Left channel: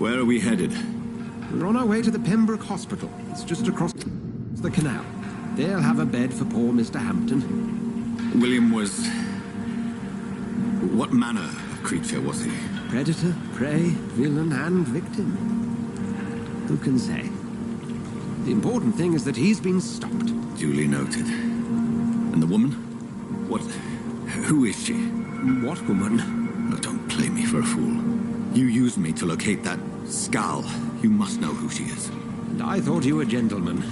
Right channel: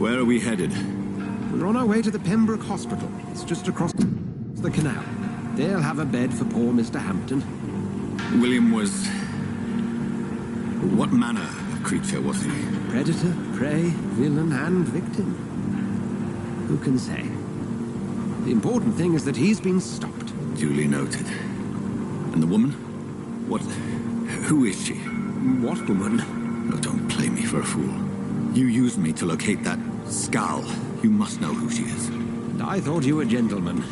Where are we headed? We're on our way to the Pembroke Hospital. It's just across the canal. They'll have a bed for poor Mr. Hampton. William was... What manner of creature was he? Predator, prey, villain, and victim. Who can say? The important thing is that he's been stopped. Duly noted. And the woman? What... Who is she? What woman? Oh, don't play me for a fool. You used me to locate that skull. You must know who she is. And I thought you a gentleman.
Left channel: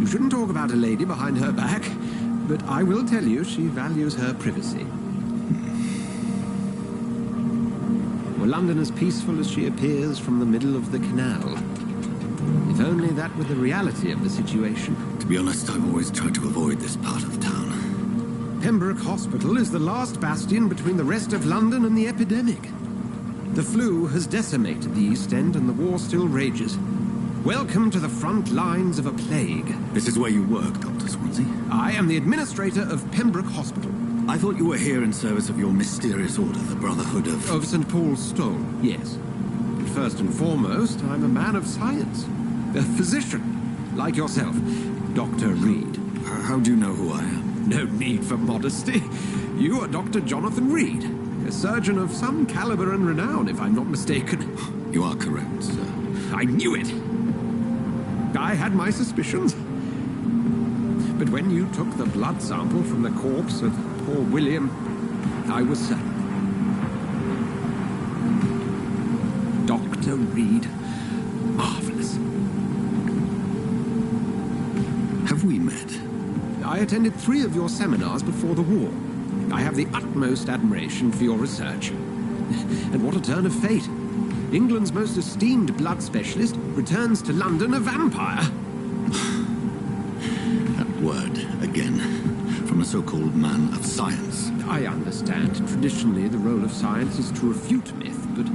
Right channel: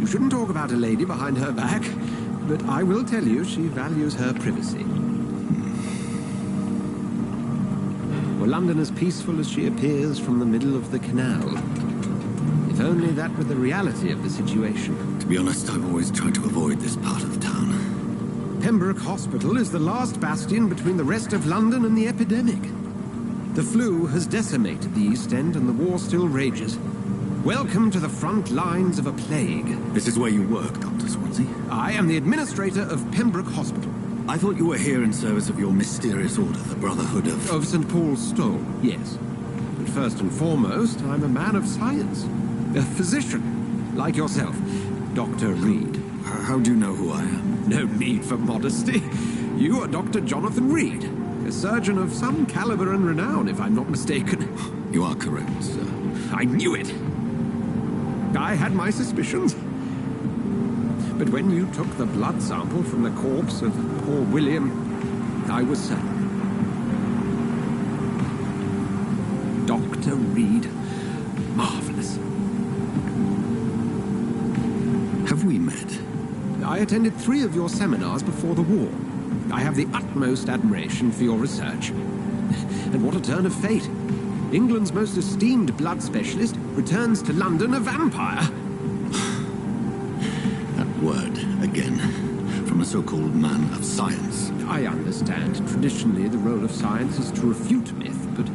You shouldn't talk about a lady behind her back, but I will tell you she values her privacy. Were London as peaceful as she appears from the middle of the canal? If only that were the reality of the situation. To be honest, I've always tried to avoid this part of town. Pembroke Hospital is the last bastion between the rest of London and the epidemic. The flu has decimated the East End and the war still rages. Welcome to the front lines of a plague. This is where you work, Dr. Swansea? I am the administrator of Pembroke Hospital. I thought you were here in service of your mysterious order, the Brotherhood of... Of St. Paul's Stole, yes. But first and foremost, I'm a man of science. A physician, like yourself, Dr. Reed. How do you know who I am? No need for modesty. You are Dr. Jonathan Reed, a surgeon of some caliber and renown, if I'm not mistaken. You are correct, sir. I knew it! I had my suspicions. But when you took the blood sample from the corpse of poor William, I was certain. Dr. Reed. Marvelous. Have we met? I attended 3 of your seminars before the war. I have the utmost admiration for your research. And what a turn of fate. England's most esteemed blood specialist returns to London a vampire. That word, again, from a so-called man of science. I understand. Traditionally, the role of science is to refute myth, but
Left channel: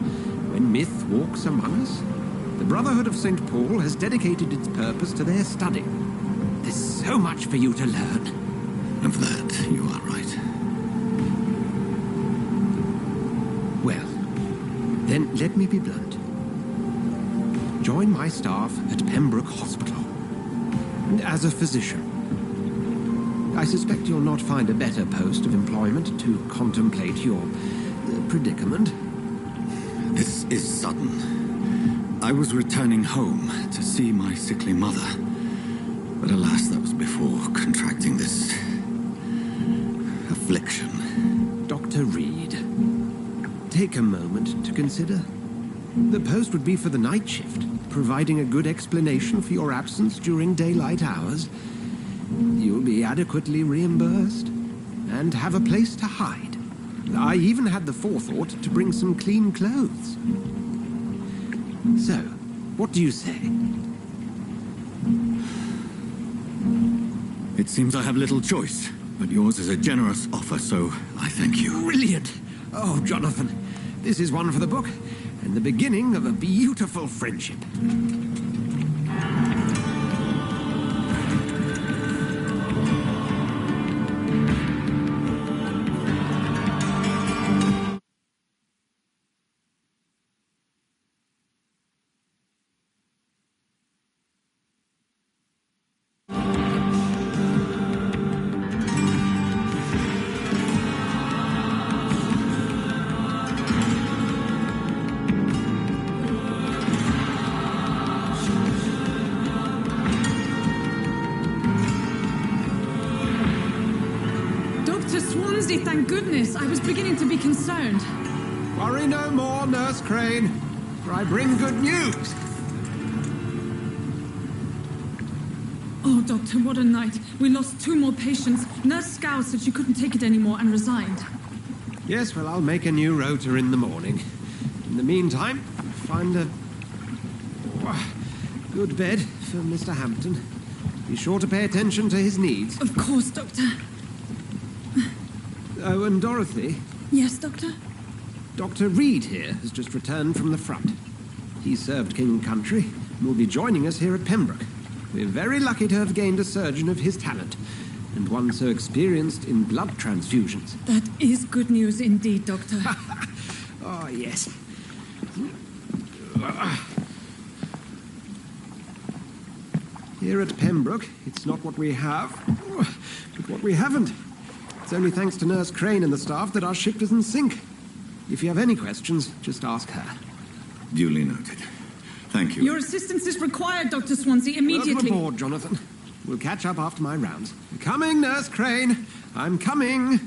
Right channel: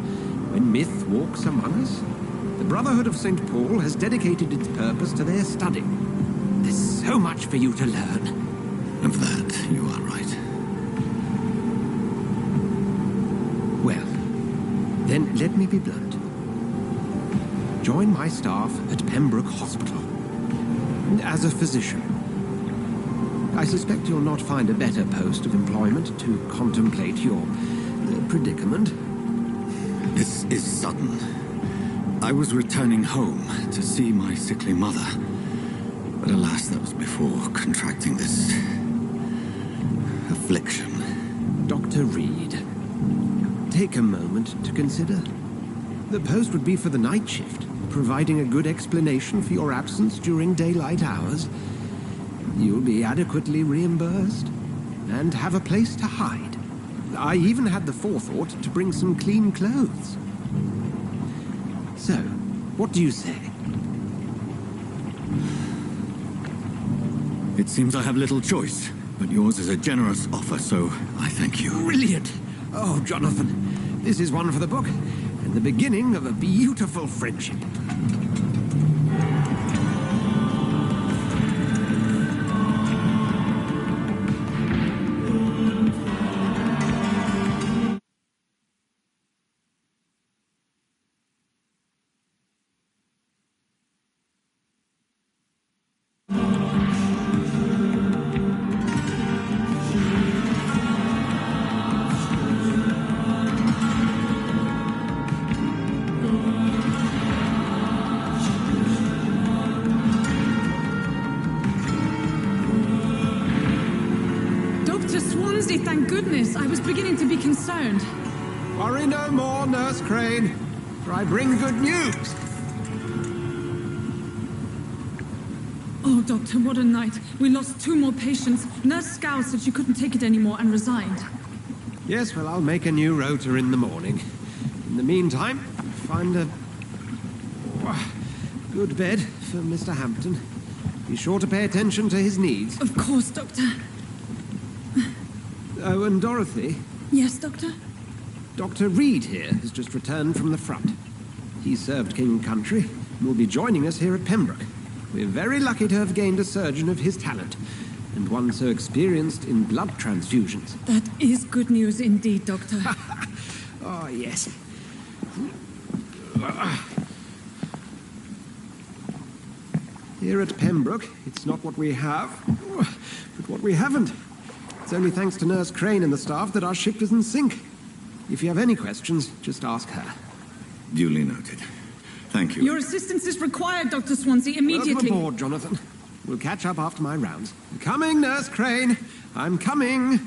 when myth walks among us, the Brotherhood of St. Paul has dedicated its purpose to their study. There's so much for you to learn. Of that, you are right. Well, then let me be blunt. Join my staff at Pembroke Hospital. As a physician. I suspect you'll not find a better post of employment to contemplate your predicament. This is sudden. I was returning home to see my sickly mother. But alas, that was before contracting this... affliction. Dr. Reed, take a moment to consider. The post would be for the night shift, providing a good explanation for your absence during daylight hours. You'll be adequately reimbursed and have a place to hide. I even had the forethought to bring some clean clothes. So, what do you say? It seems I have little choice, but yours is a generous offer, so I thank you. Brilliant! Oh, Jonathan, this is one for the book, and the beginning of a beautiful friendship. Thank goodness. I was beginning to be concerned. Worry no more, Nurse Crane, for I bring good news. Oh, Doctor, what a night. We lost 2 more patients. Nurse Scow said she couldn't take it anymore and resigned. Yes, well, I'll make a new rota in the morning. In the meantime, find a good bed for Mr. Hampton. Be sure to pay attention to his needs. Of course, Doctor. Oh, and Dorothy? Yes, Doctor? Dr. Reed here has just returned from the front. He served King and Country and will be joining us here at Pembroke. We're very lucky to have gained a surgeon of his talent, and one so experienced in blood transfusions. That is good news indeed, Doctor. Oh, yes. Here at Pembroke, it's not what we have, but what we haven't. It's only thanks to Nurse Crane and the staff that our ship doesn't sink. If you have any questions, just ask her. Duly noted. Thank you. Your assistance is required, Dr. Swansea, immediately. Welcome aboard, Jonathan. We'll catch up after my rounds. Coming, Nurse Crane. I'm coming.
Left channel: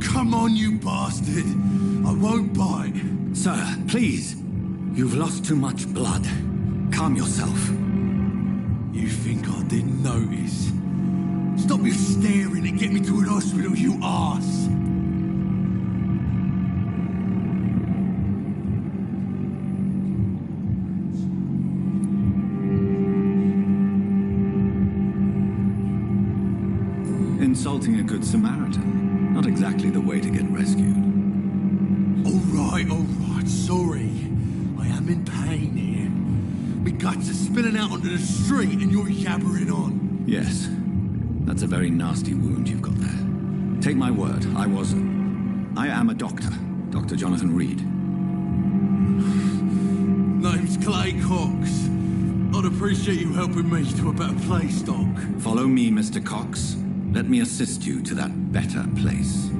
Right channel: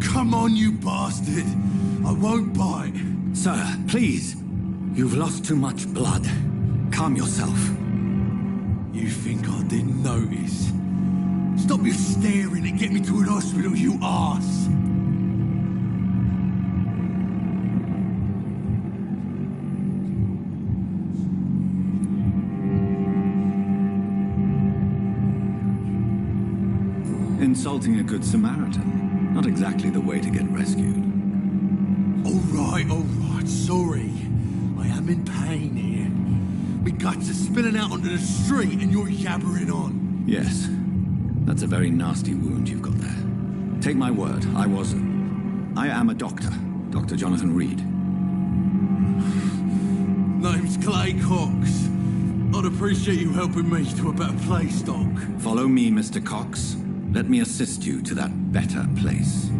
Come on, you bastard! I won't bite. Sir, please. You've lost too much blood. Calm yourself. You think I didn't notice? Stop your staring and get me to an hospital, you arse! Insulting a good Samaritan. Not exactly the way to get rescued. All right, sorry. I am in pain here. My guts are spilling out onto the street and you're yabbering on. Yes. That's a very nasty wound you've got there. Take my word, I am a doctor. Dr. Jonathan Reed. Name's Clay Cox. I'd appreciate you helping me to a better place, Doc. Follow me, Mr. Cox. Let me assist you to that better place.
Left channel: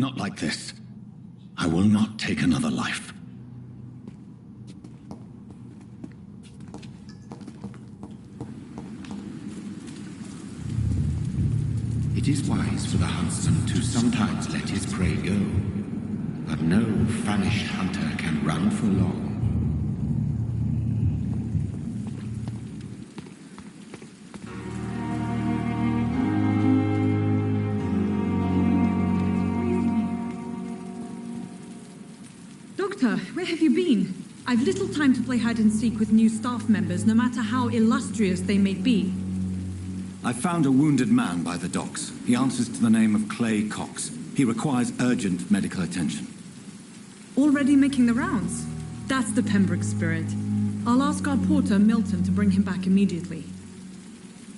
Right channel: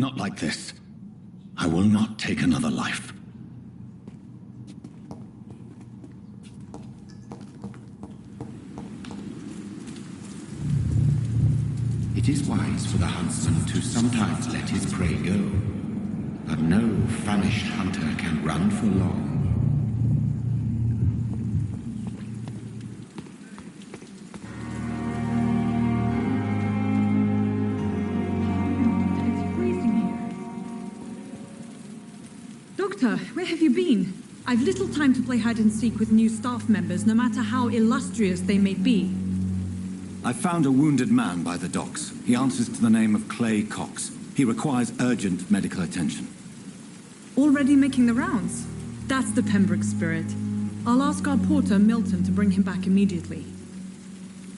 Not like this. I will not take another life. It is wise for the huntsman to sometimes let his prey go, but no famished hunter can run for long. It's freezing here. Doctor, where have you been? I've little time to play hide and seek with new staff members, no matter how illustrious they may be. I found a wounded man by the docks. He answers to the name of Clay Cox. He requires urgent medical attention. Already making the rounds? That's the Pembroke spirit. I'll ask our porter, Milton, to bring him back immediately.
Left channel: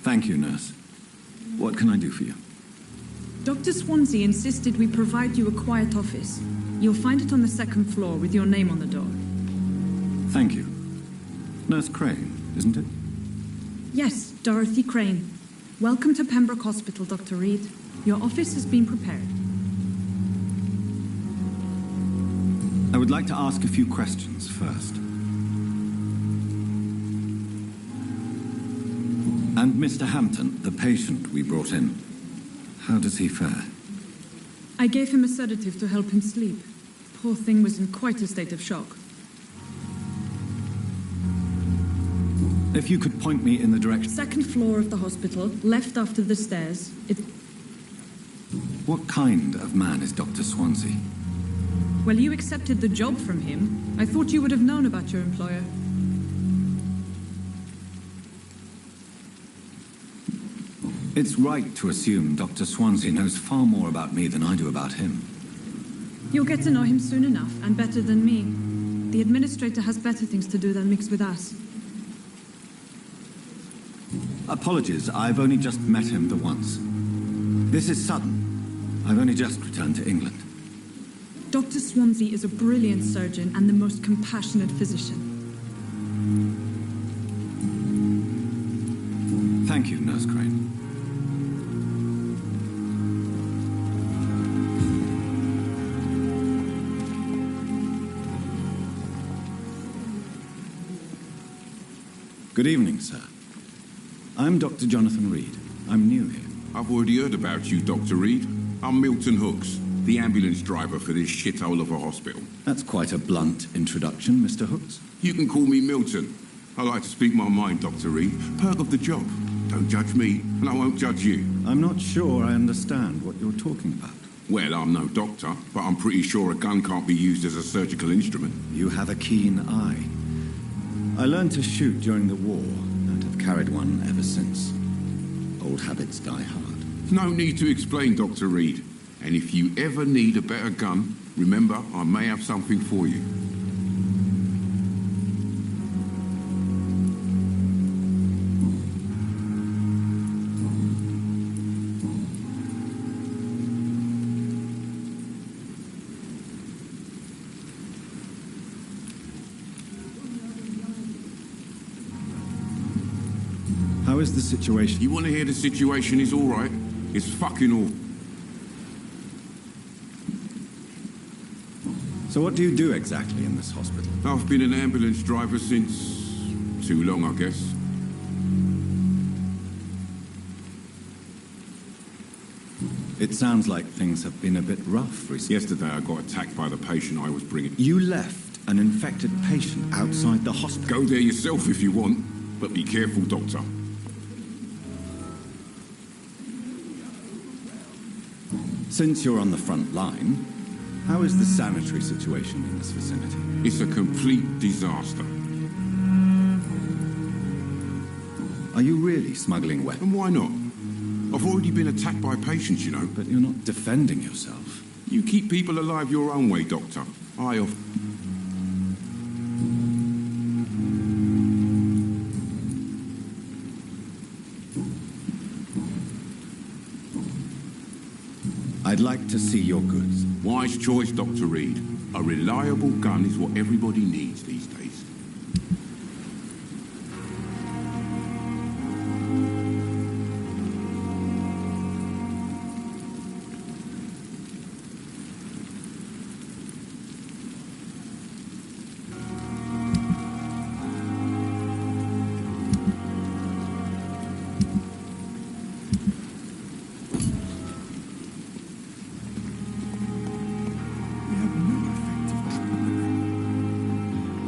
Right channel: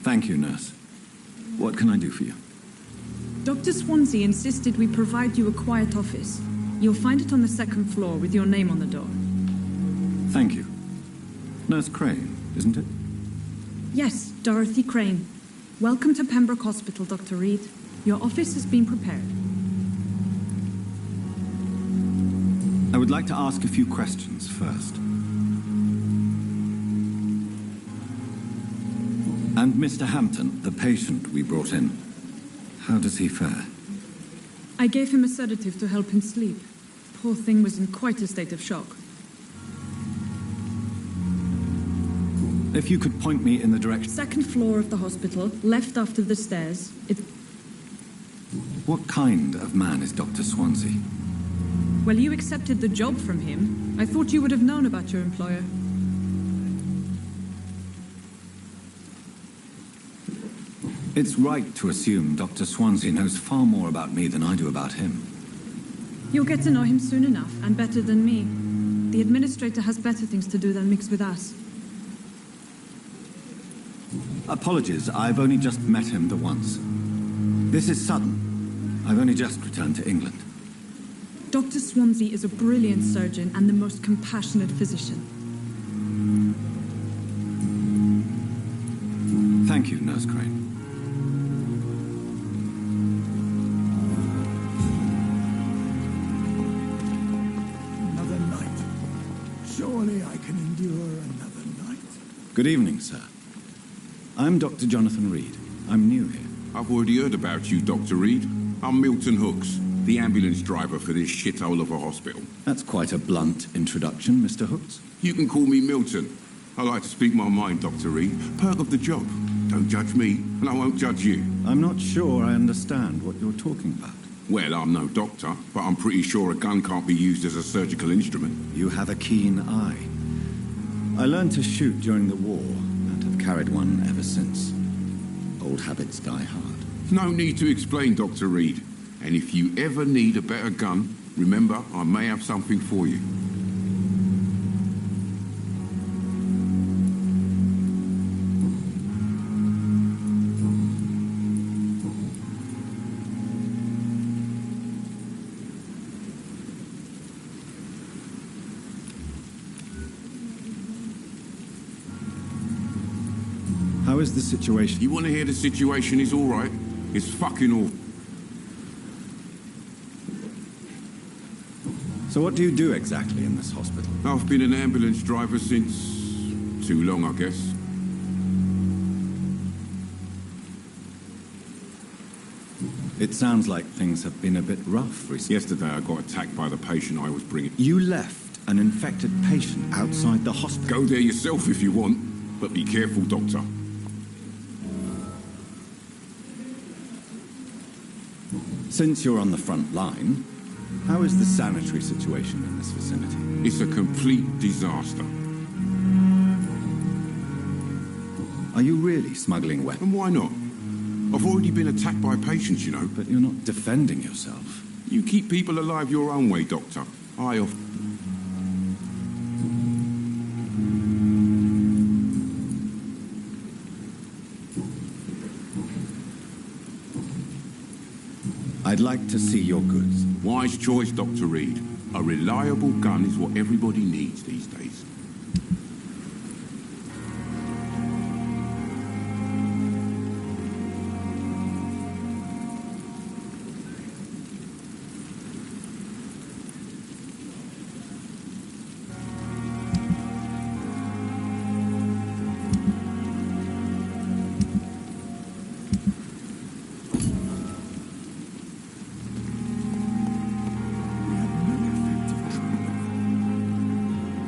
Thank you, nurse. What can I do for you? Dr. Swansea insisted we provide you a quiet office. You'll find it on the second floor with your name on the door. Thank you. Nurse Crane, isn't it? Yes, Dorothy Crane. Welcome to Pembroke Hospital, Dr. Reed. Your office has been prepared. I would like to ask a few questions first. And Mr. Hampton, the patient we brought in, how does he fare? I gave him a sedative to help him sleep. Poor thing was in quite a state of shock. If you could point me in the direction... Second floor of the hospital, left after the stairs. What kind of man is Dr. Swansea? Well, you accepted the job from him. I thought you would have known about your employer. It's right to assume Dr. Swansea knows far more about me than I do about him. You'll get to know him soon enough, and better than me. The administrator has better things to do than mix with us. Apologies, I've only just met him the once. This is sudden. I've only just returned to England. Dr. Swansea is a brilliant surgeon and the most compassionate physician. Thank you, Nurse Crane. Another night. Surely I can endure another night. Good evening, sir. I'm Dr. Jonathan Reed. I'm new here. I've already heard about you, Dr. Reed. I'm Milton Hooks, the ambulance driver for this shithole of a hospital. That's quite a blunt introduction, Mr. Hooks. You can call me Milton. I like to speak my mind, Dr. Reed. Perk of the job. Don't judge me, and I won't judge you. I'm not sure I understand what you're talking about. Well, I'm no doctor, but I'm pretty sure a gun can't be used as a surgical instrument. You have a keen eye. I learned to shoot during the war, and have carried one ever since. Old habits die hard. No need to explain, Dr. Reed. And if you ever need a better gun, remember, I may have something for you. How is the situation? You want to hear the situation is all right? It's fucking awful. So what do you do exactly in this hospital? I've been an ambulance driver since... too long, I guess. It sounds like things have been a bit rough recently. Yesterday I got attacked by the patient I was bringing. You left an infected patient outside the hospital? Go there yourself if you want, but be careful, Doctor. Since you're on the front line, how is the sanitary situation in this vicinity? It's a complete disaster. Are you really smuggling weapons? And why not? I've already been attacked by patients, you know. But you're not defending yourself. You keep people alive your own way, Doctor. I'd like to see your goods. Wise choice, Dr. Reed. A reliable gun is what everybody needs these days.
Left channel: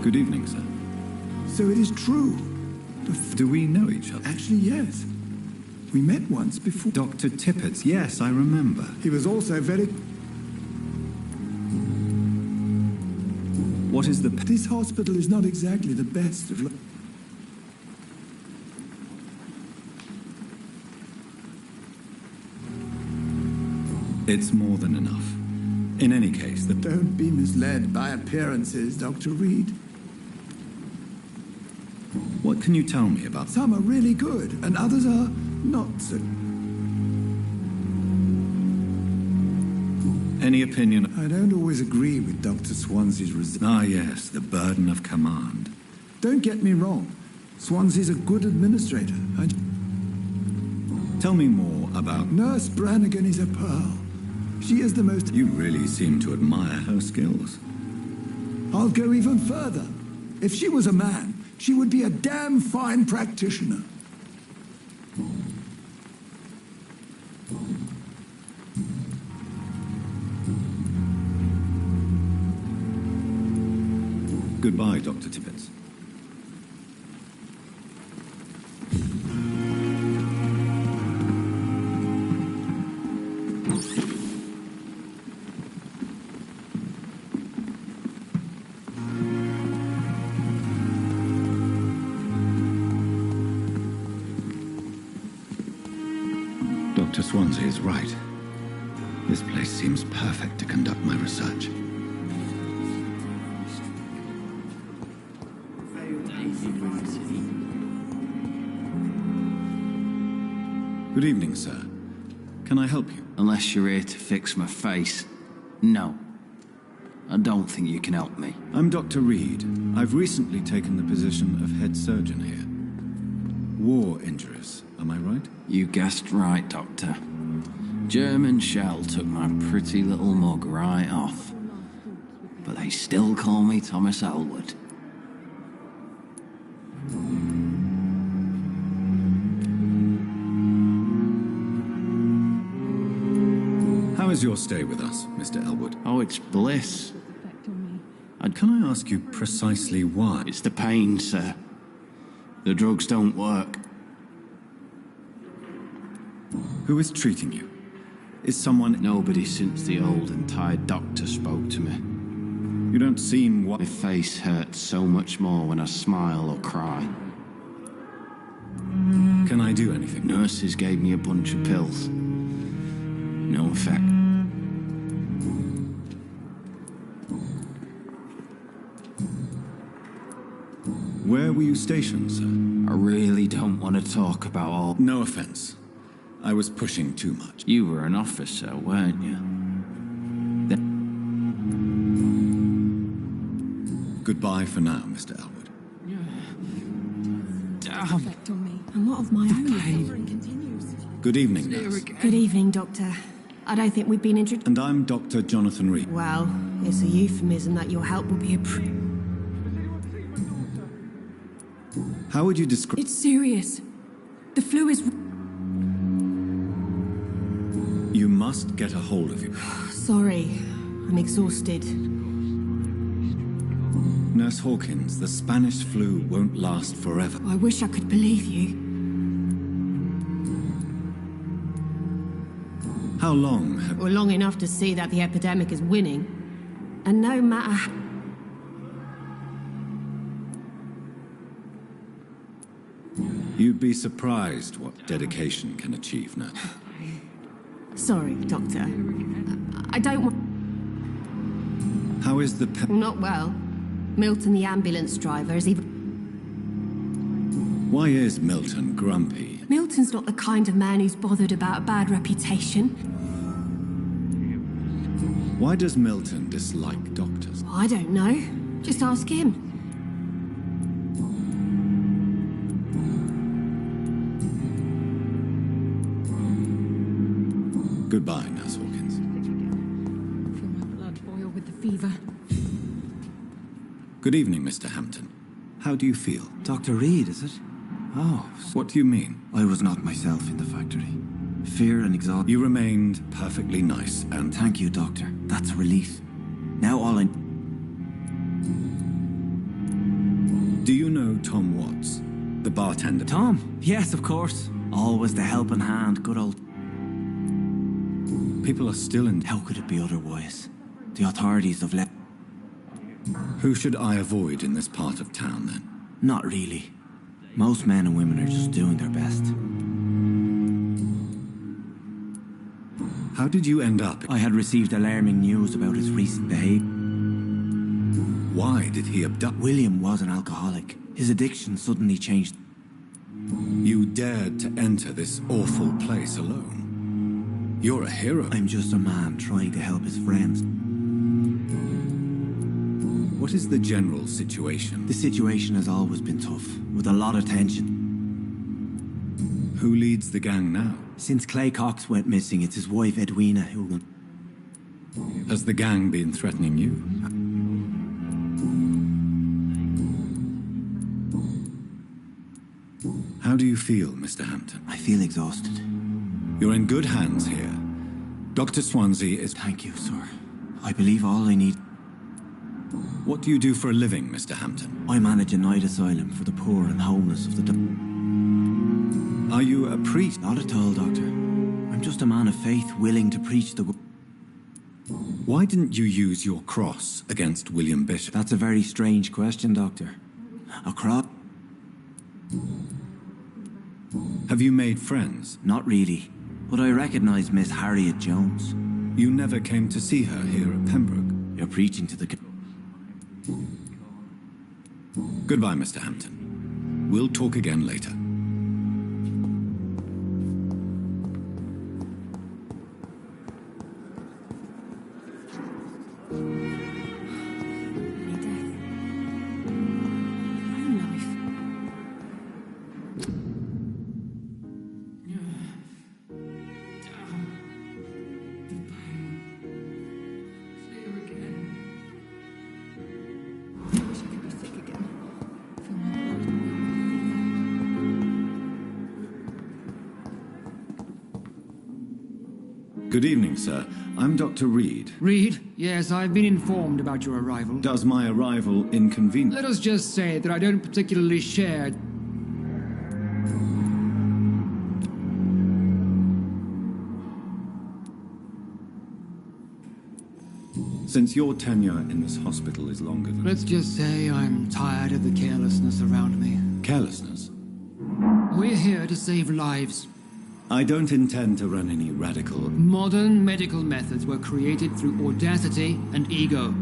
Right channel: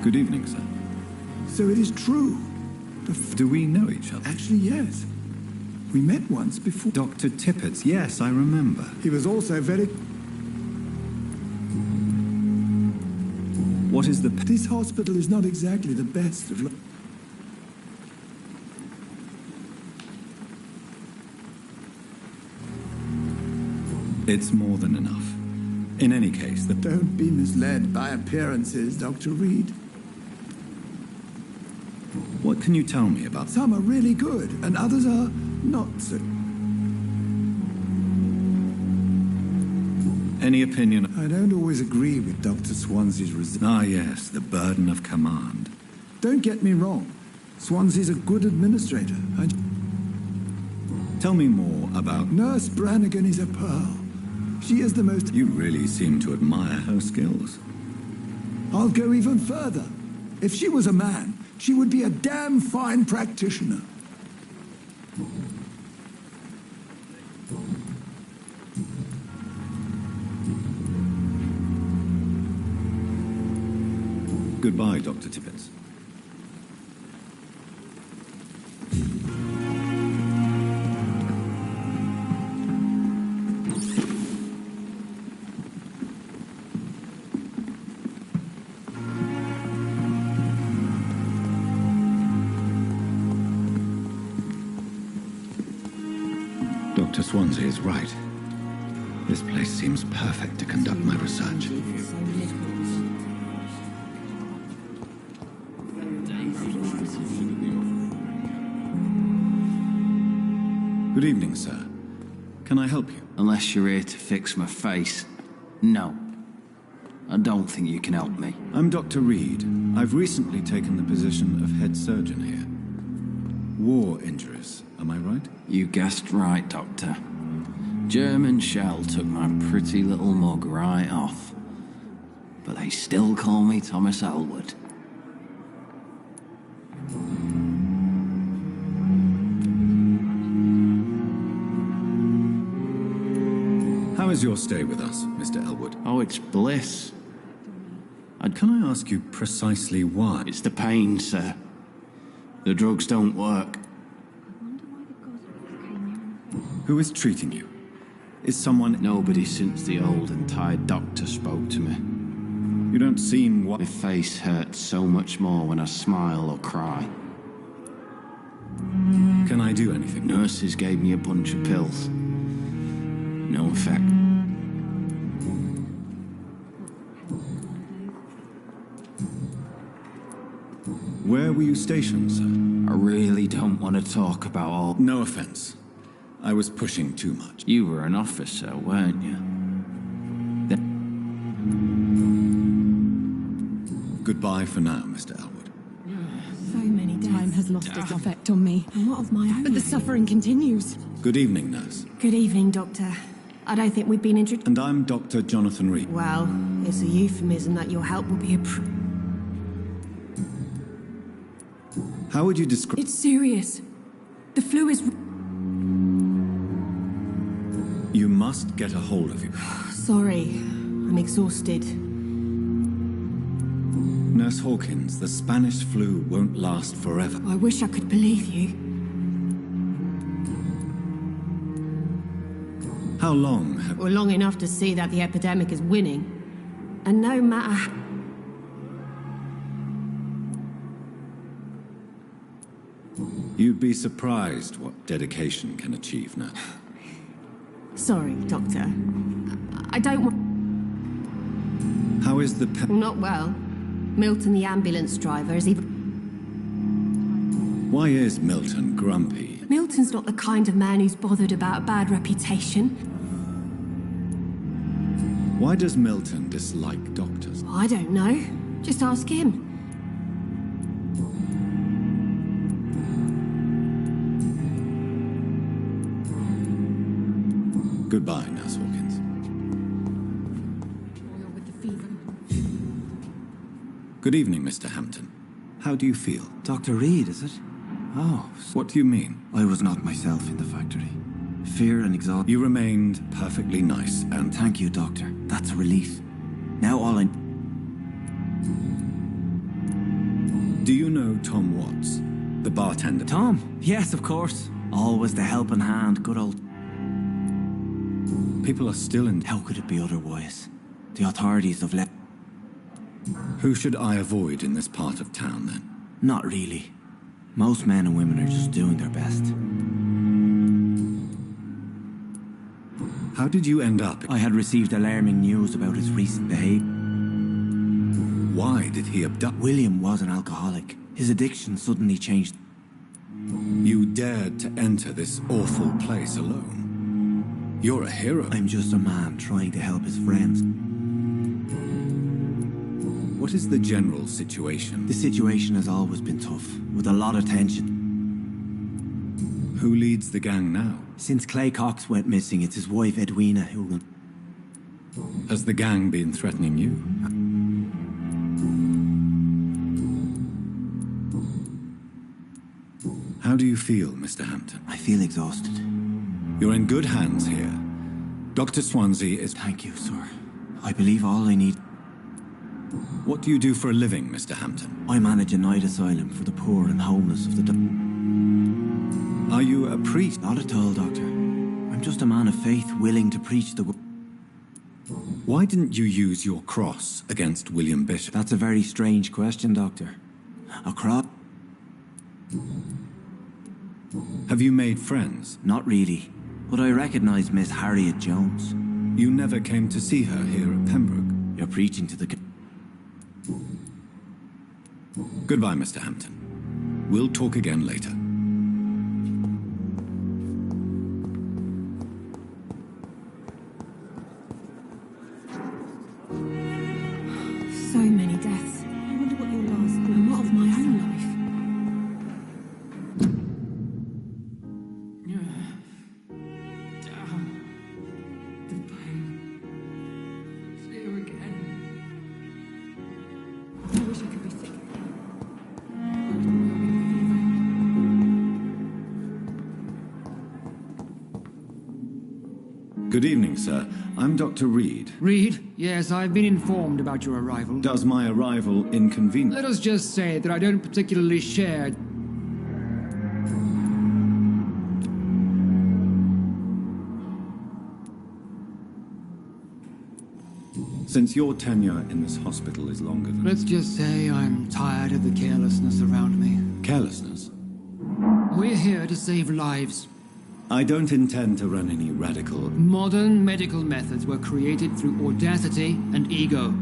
Good evening, sir. So it is true. Do we know each other? Actually, yes. We met once before. Dr. Tippett, yes, I remember. He was also very... What is the... This hospital is not exactly the best of... It's more than enough. In any case, Don't be misled by appearances, Dr. Reed. What can you tell me about... Some are really good, and others are not so... Any opinion... I don't always agree with Dr. Swansea's Ah, yes, the burden of command. Don't get me wrong. Swansea's a good administrator. Tell me more about... Nurse Brannigan is a pearl. She is the most... You really seem to admire her skills. I'll go even further. If she was a man, she would be a damn fine practitioner. Goodbye, Dr. Tippett. Dr. Swansea is right. This place seems perfect to conduct my research. Good evening, sir. Can I help you? Unless you're here to fix my face. No. I don't think you can help me. I'm Dr. Reed. I've recently taken the position of head surgeon here. War injuries, am I right? You guessed right, Doctor. German shell took my pretty little mug right off. But they still call me Thomas Elwood. How is your stay with us, Mr. Elwood? Oh, it's bliss. Can I ask you precisely why? It's the pain, sir. The drugs don't work. Who is treating you? Is someone... Nobody since the old and tired doctor spoke to me. You don't seem... My face hurts so much more when I smile or cry. Can I do anything? Nurses gave me a bunch of pills. No effect. Where were you stationed, sir? I really don't want to talk about all... No offense. I was pushing too much. You were an officer, weren't you? Goodbye for now, Mr. Elwood. So many time has lost its effect on me. And what of my own? But the suffering continues. Good evening, nurse. Good evening, Doctor. I don't think we've been introduced. And I'm Dr. Jonathan Reed. Well, it's a euphemism that your help will be How would you describe... It's serious. The flu is... You must get a hold of you. Sorry. I'm exhausted. Nurse Hawkins, the Spanish flu won't last forever. I wish I could believe you. How long have... Or long enough to see that the epidemic is winning. And no matter... You'd be surprised what dedication can achieve, nurse. Sorry, Doctor. I don't want... How is the... Not well. Milton, the ambulance driver, is even... Why is Milton grumpy? Milton's not the kind of man who's bothered about a bad reputation. Why does Milton dislike doctors? I don't know. Just ask him. Goodbye, Nurse Hawkins. Blood boil with the fever. Good evening, Mr. Hampton. How do you feel? Dr. Reed, is it? Oh, What do you mean? I was not myself in the factory. Fear and exhaustion. You remained perfectly nice and... Thank you, Doctor. That's a relief. Now all I... Do you know Tom Watts, the bartender? Tom? Yes, of course. Always the helping hand, good old... People are still in... How could it be otherwise? The authorities have left... Who should I avoid in this part of town, then? Not really. Most men and women are just doing their best. How did you end up... I had received alarming news about his recent behavior. Why did he abduct... William was an alcoholic. His addiction suddenly changed. You dared to enter this awful place alone. You're a hero. I'm just a man trying to help his friends. What is the general situation? The situation has always been tough, with a lot of tension. Who leads the gang now? Since Clay Cox went missing, it's his wife Edwina who... Has the gang been threatening you? How do you feel, Mr. Hampton? I feel exhausted. You're in good hands here. Dr. Swansea is... Thank you, sir. I believe all I need... What do you do for a living, Mr. Hampton? I manage a night asylum for the poor and homeless of the... Are you a priest? Not at all, Doctor. I'm just a man of faith willing to preach the... Why didn't you use your cross against William Bishop? That's a very strange question, Doctor. A cross? Have you made friends? Not really, but I recognize Miss Harriet Jones. You never came to see her here at Pembroke? You're preaching to the... Goodbye, Mr. Hampton. We'll talk again later. So many deaths. I wonder what your last and what of my own life. The pain. It's here again. I wish I could be sick again. Good evening, sir. I'm Dr. Reed. Reed? Yes, I've been informed about your arrival. Does my arrival inconvenience? Let us just say that I don't particularly share... Since your tenure in this hospital is longer than... Let's just say I'm tired of the carelessness around me. Carelessness? We're here to save lives. I don't intend to run any radical... Modern medical methods were created through audacity and ego.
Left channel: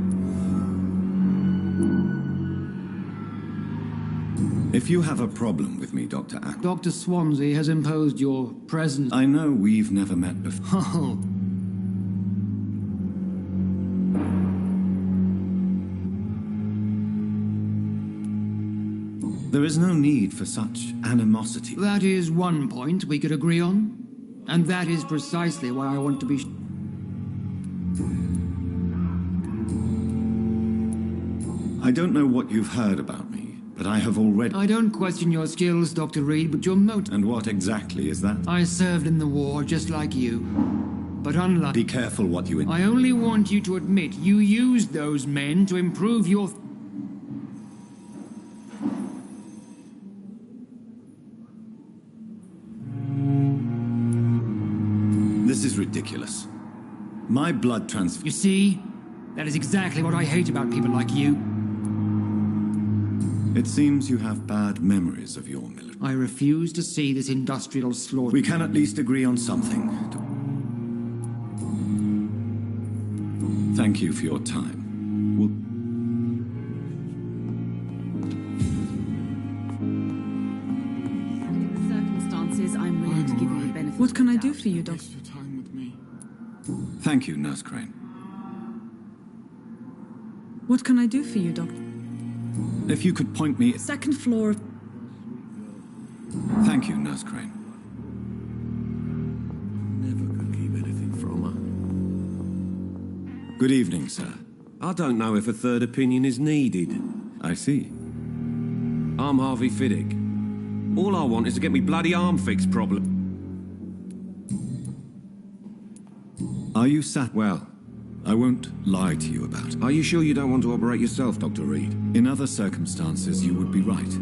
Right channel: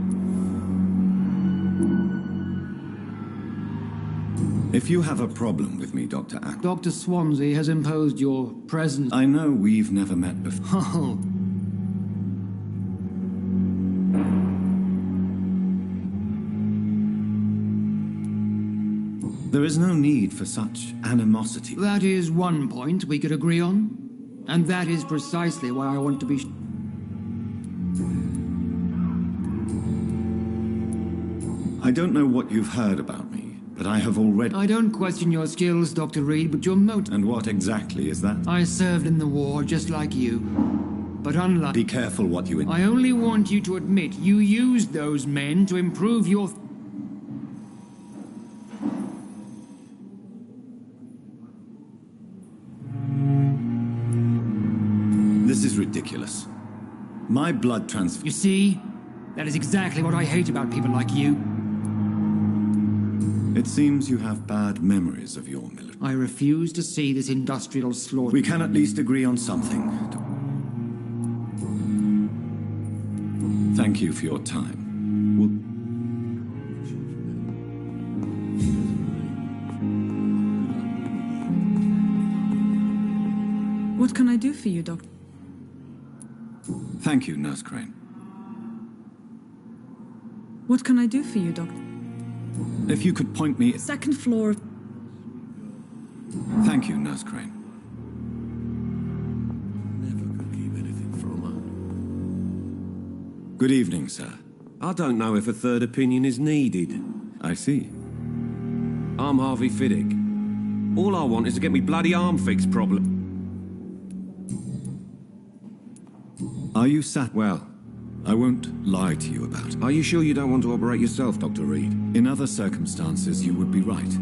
If you have a problem with me, Dr. Ack... Dr. Swansea has imposed your presence... I know we've never met before. Oh. There is no need for such animosity. That is one point we could agree on. And that is precisely why I want to be... I don't know what you've heard about me, but I have already... I don't question your skills, Dr. Reed, but your motive... And what exactly is that? I served in the war just like you. But unlike... Be careful what you... I only want you to admit you used those men to improve your... This is ridiculous. My blood transfusion... You see? That is exactly what I hate about people like you. It seems you have bad memories of your military. I refuse to see this industrial slaughter. We can at least agree on something. Thank you for your time. Circumstances, I'm willing to give you the benefit. What can I do for you, Doctor? Thank you, Nurse Crane. What can I do for you, Doctor? If you could point me... Second floor. Thank you, Nurse Crane. Never could keep anything from her. Good evening, sir. I don't know if a third opinion is needed. I see. I'm Harvey Fiddick. All I want is to get me bloody arm fixed problem. Are you sat... Well, I won't lie to you about it. Are you sure you don't want to operate yourself, Dr. Reed? In other circumstances, you would be right.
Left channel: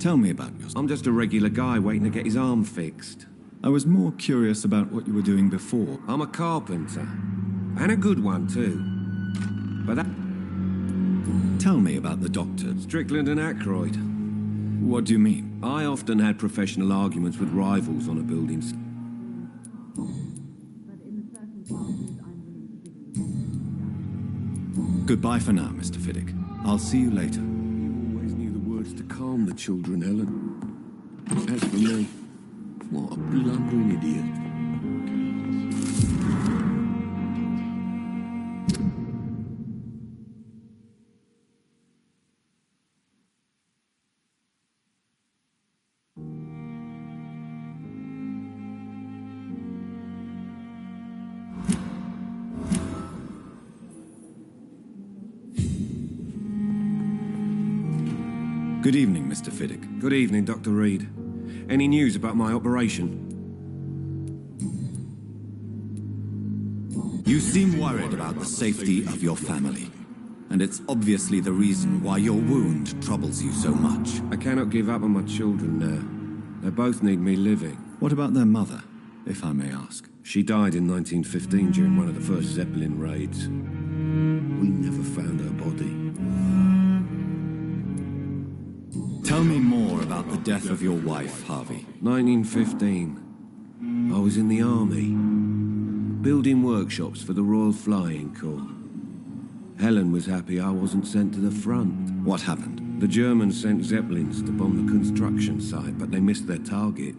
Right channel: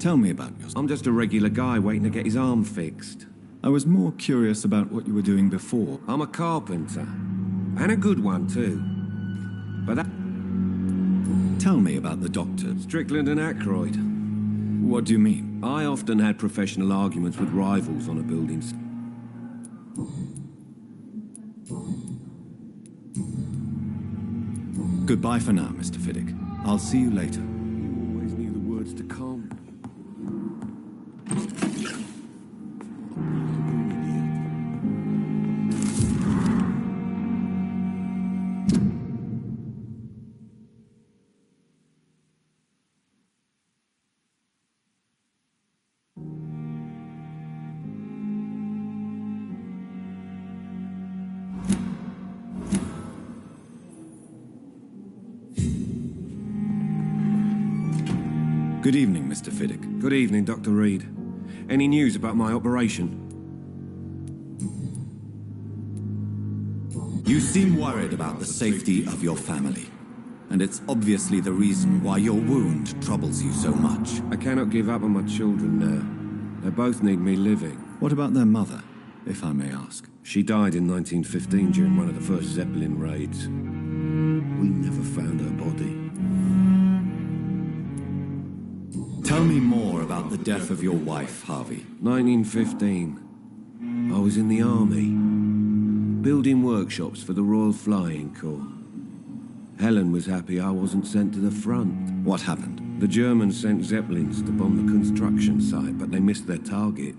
Tell me about yourself. I'm just a regular guy waiting to get his arm fixed. I was more curious about what you were doing before. I'm a carpenter. And a good one, too. But that... Tell me about the doctors. Strickland and Aykroyd. What do you mean? I often had professional arguments with rivals on a building. Goodbye for now, Mr. Fiddick. I'll see you later. You always knew the words to calm the children, Helen. As for me, what a blundering idiot. Good evening, Mr. Fiddick. Good evening, Dr. Reed. Any news about my operation? You seem worried about the safety of your family. And it's obviously the reason why your wound troubles you so much. I cannot give up on my children now. They both need me living. What about their mother, if I may ask? She died in 1915 during one of the first Zeppelin raids. We never found her body. Tell me more about the death of your wife, Harvey. 1915. I was in the army, building workshops for the Royal Flying Corps. Helen was happy I wasn't sent to the front. What happened? The Germans sent Zeppelins to bomb the construction site, but they missed their target.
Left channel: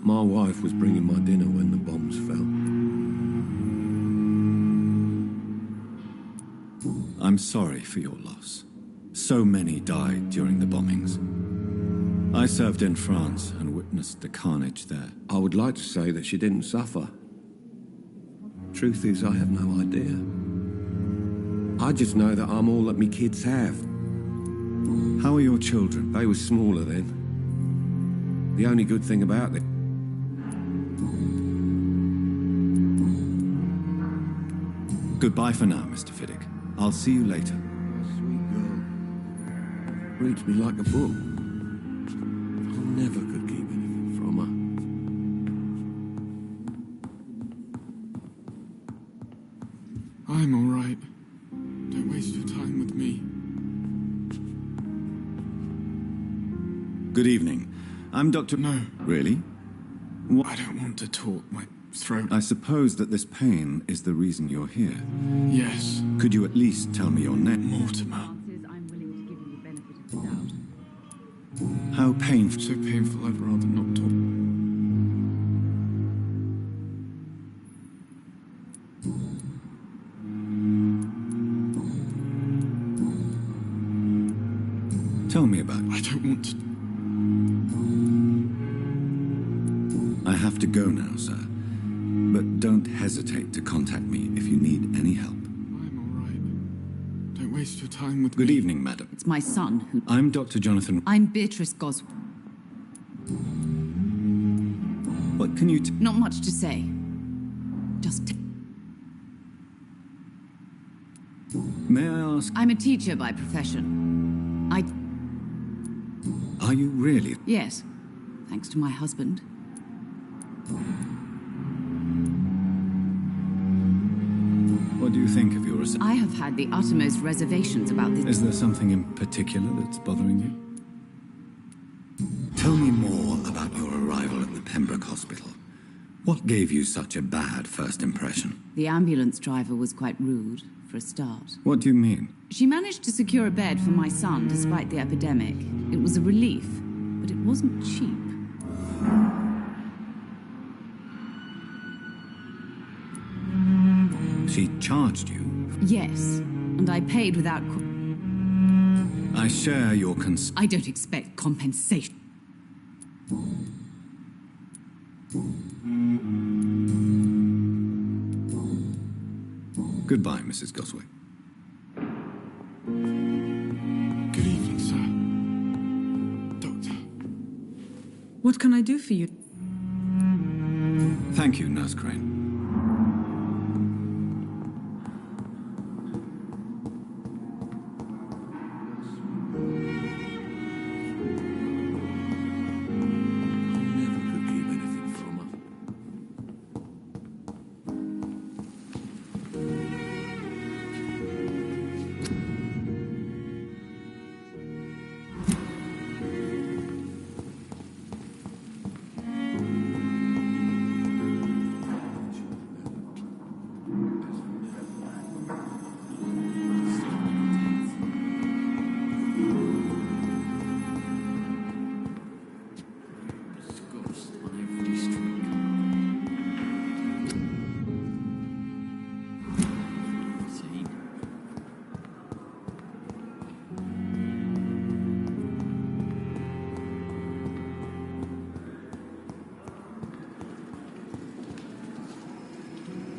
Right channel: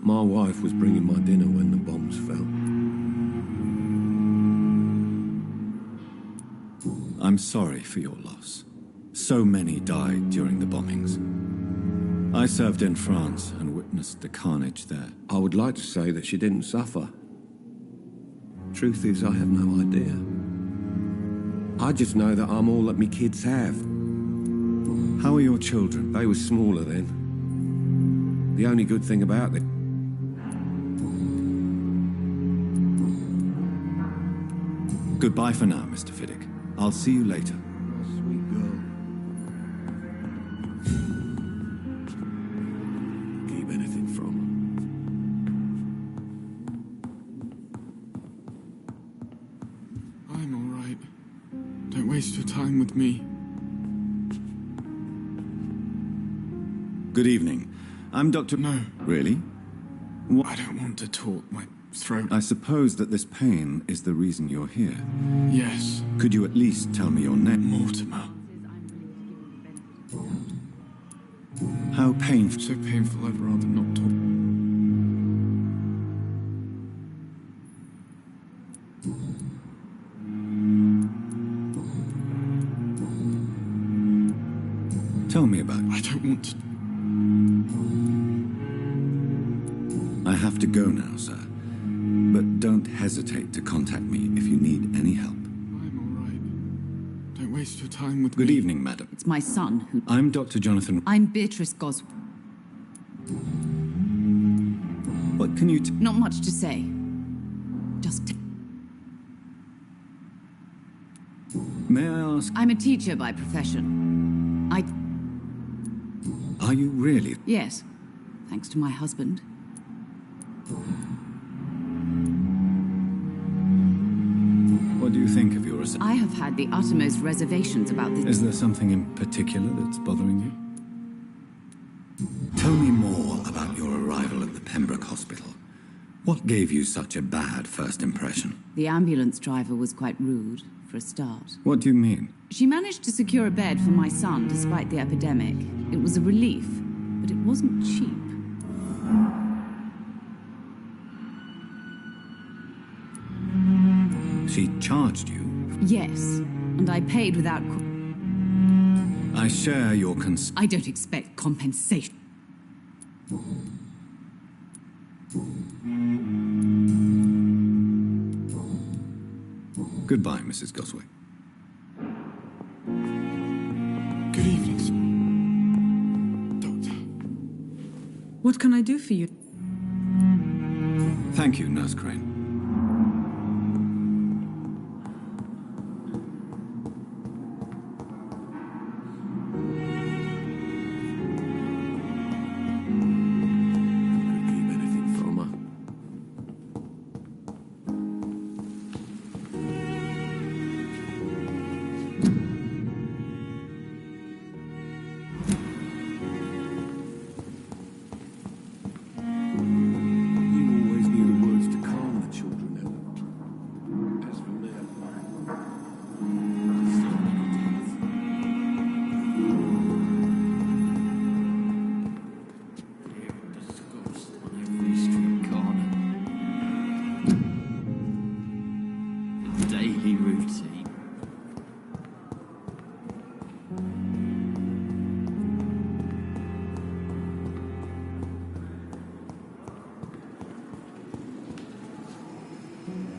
My wife was bringing my dinner when the bombs fell. I'm sorry for your loss. So many died during the bombings. I served in France and witnessed the carnage there. I would like to say that she didn't suffer. Truth is, I have no idea. I just know that I'm all that me kids have. How are your children? They were smaller then. The only good thing about it... Goodbye for now, Mr. Fiddick. I'll see you later. Sweet girl. Reads me like a book. Never could keep anything from her. I'm all right. Don't waste your time with me. Good evening. I'm Dr. No. Really? What? I don't want to talk. My throat. I suppose that this pain is the reason you're here. Yes. Could you at least tell me your name? Mortimer. How painful? So painful I'd rather not talk. Tell me about it. I don't want to. I have to go now, sir. But don't hesitate to contact me if you need any help. I'm all right. Don't waste your time with me. Good evening, madam. It's my son who... I'm Dr. Jonathan... I'm Beatrice Goswell. What can you... Not much to say. Just... May I ask... I'm a teacher by profession. Are you really? Yes. Thanks to my husband. What do you think of your... I have had the uttermost reservations about this... Is there something in particular that's bothering you? Tell me more about your arrival at the Pembroke Hospital. What gave you such a bad first impression? The ambulance driver was quite rude, for a start. What do you mean? She managed to secure a bed for my son despite the epidemic. It was a relief, but it wasn't cheap. She charged you? Yes, and I paid without... I share your I don't expect compensation. Goodbye, Mrs. Goswick. Good evening, sir. Doctor. What can I do for you? Thank you, Nurse Crane.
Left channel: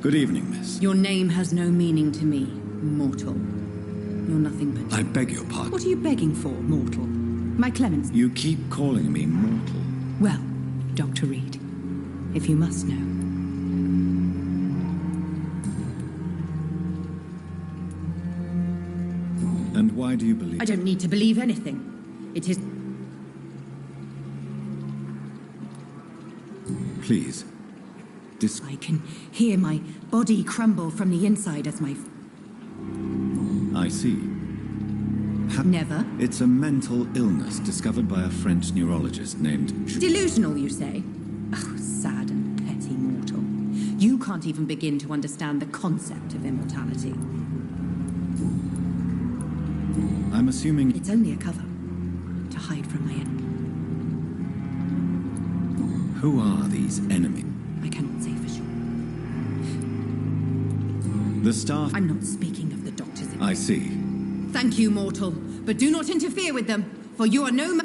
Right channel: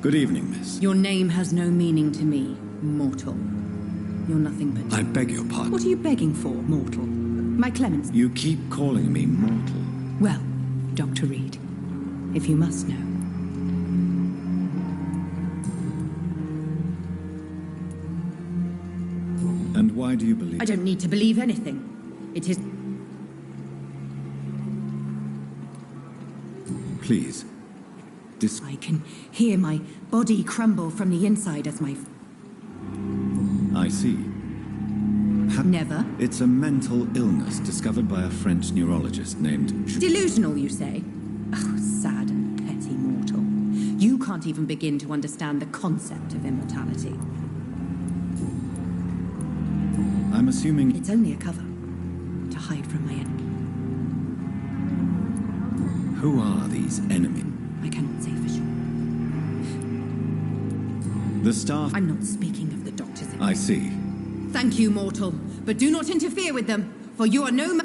Good evening, miss. Your name has no meaning to me, mortal. You're nothing but... I beg your pardon. What are you begging for, mortal? My clemency. You keep calling me mortal. Well, Dr. Reed, if you must know. And why do you believe... I don't need to believe anything. It is... Please. I can hear my body crumble from the inside as my... I see. Never? It's a mental illness discovered by a French neurologist named... Delusional, you say? Oh, sad and petty mortal. You can't even begin to understand the concept of immortality. I'm assuming... It's only a cover to hide from my enemy. Who are these enemies? I cannot say for sure. The staff... I'm not speaking of the doctors. I see. Thank you, mortal. But do not interfere with them, for you are no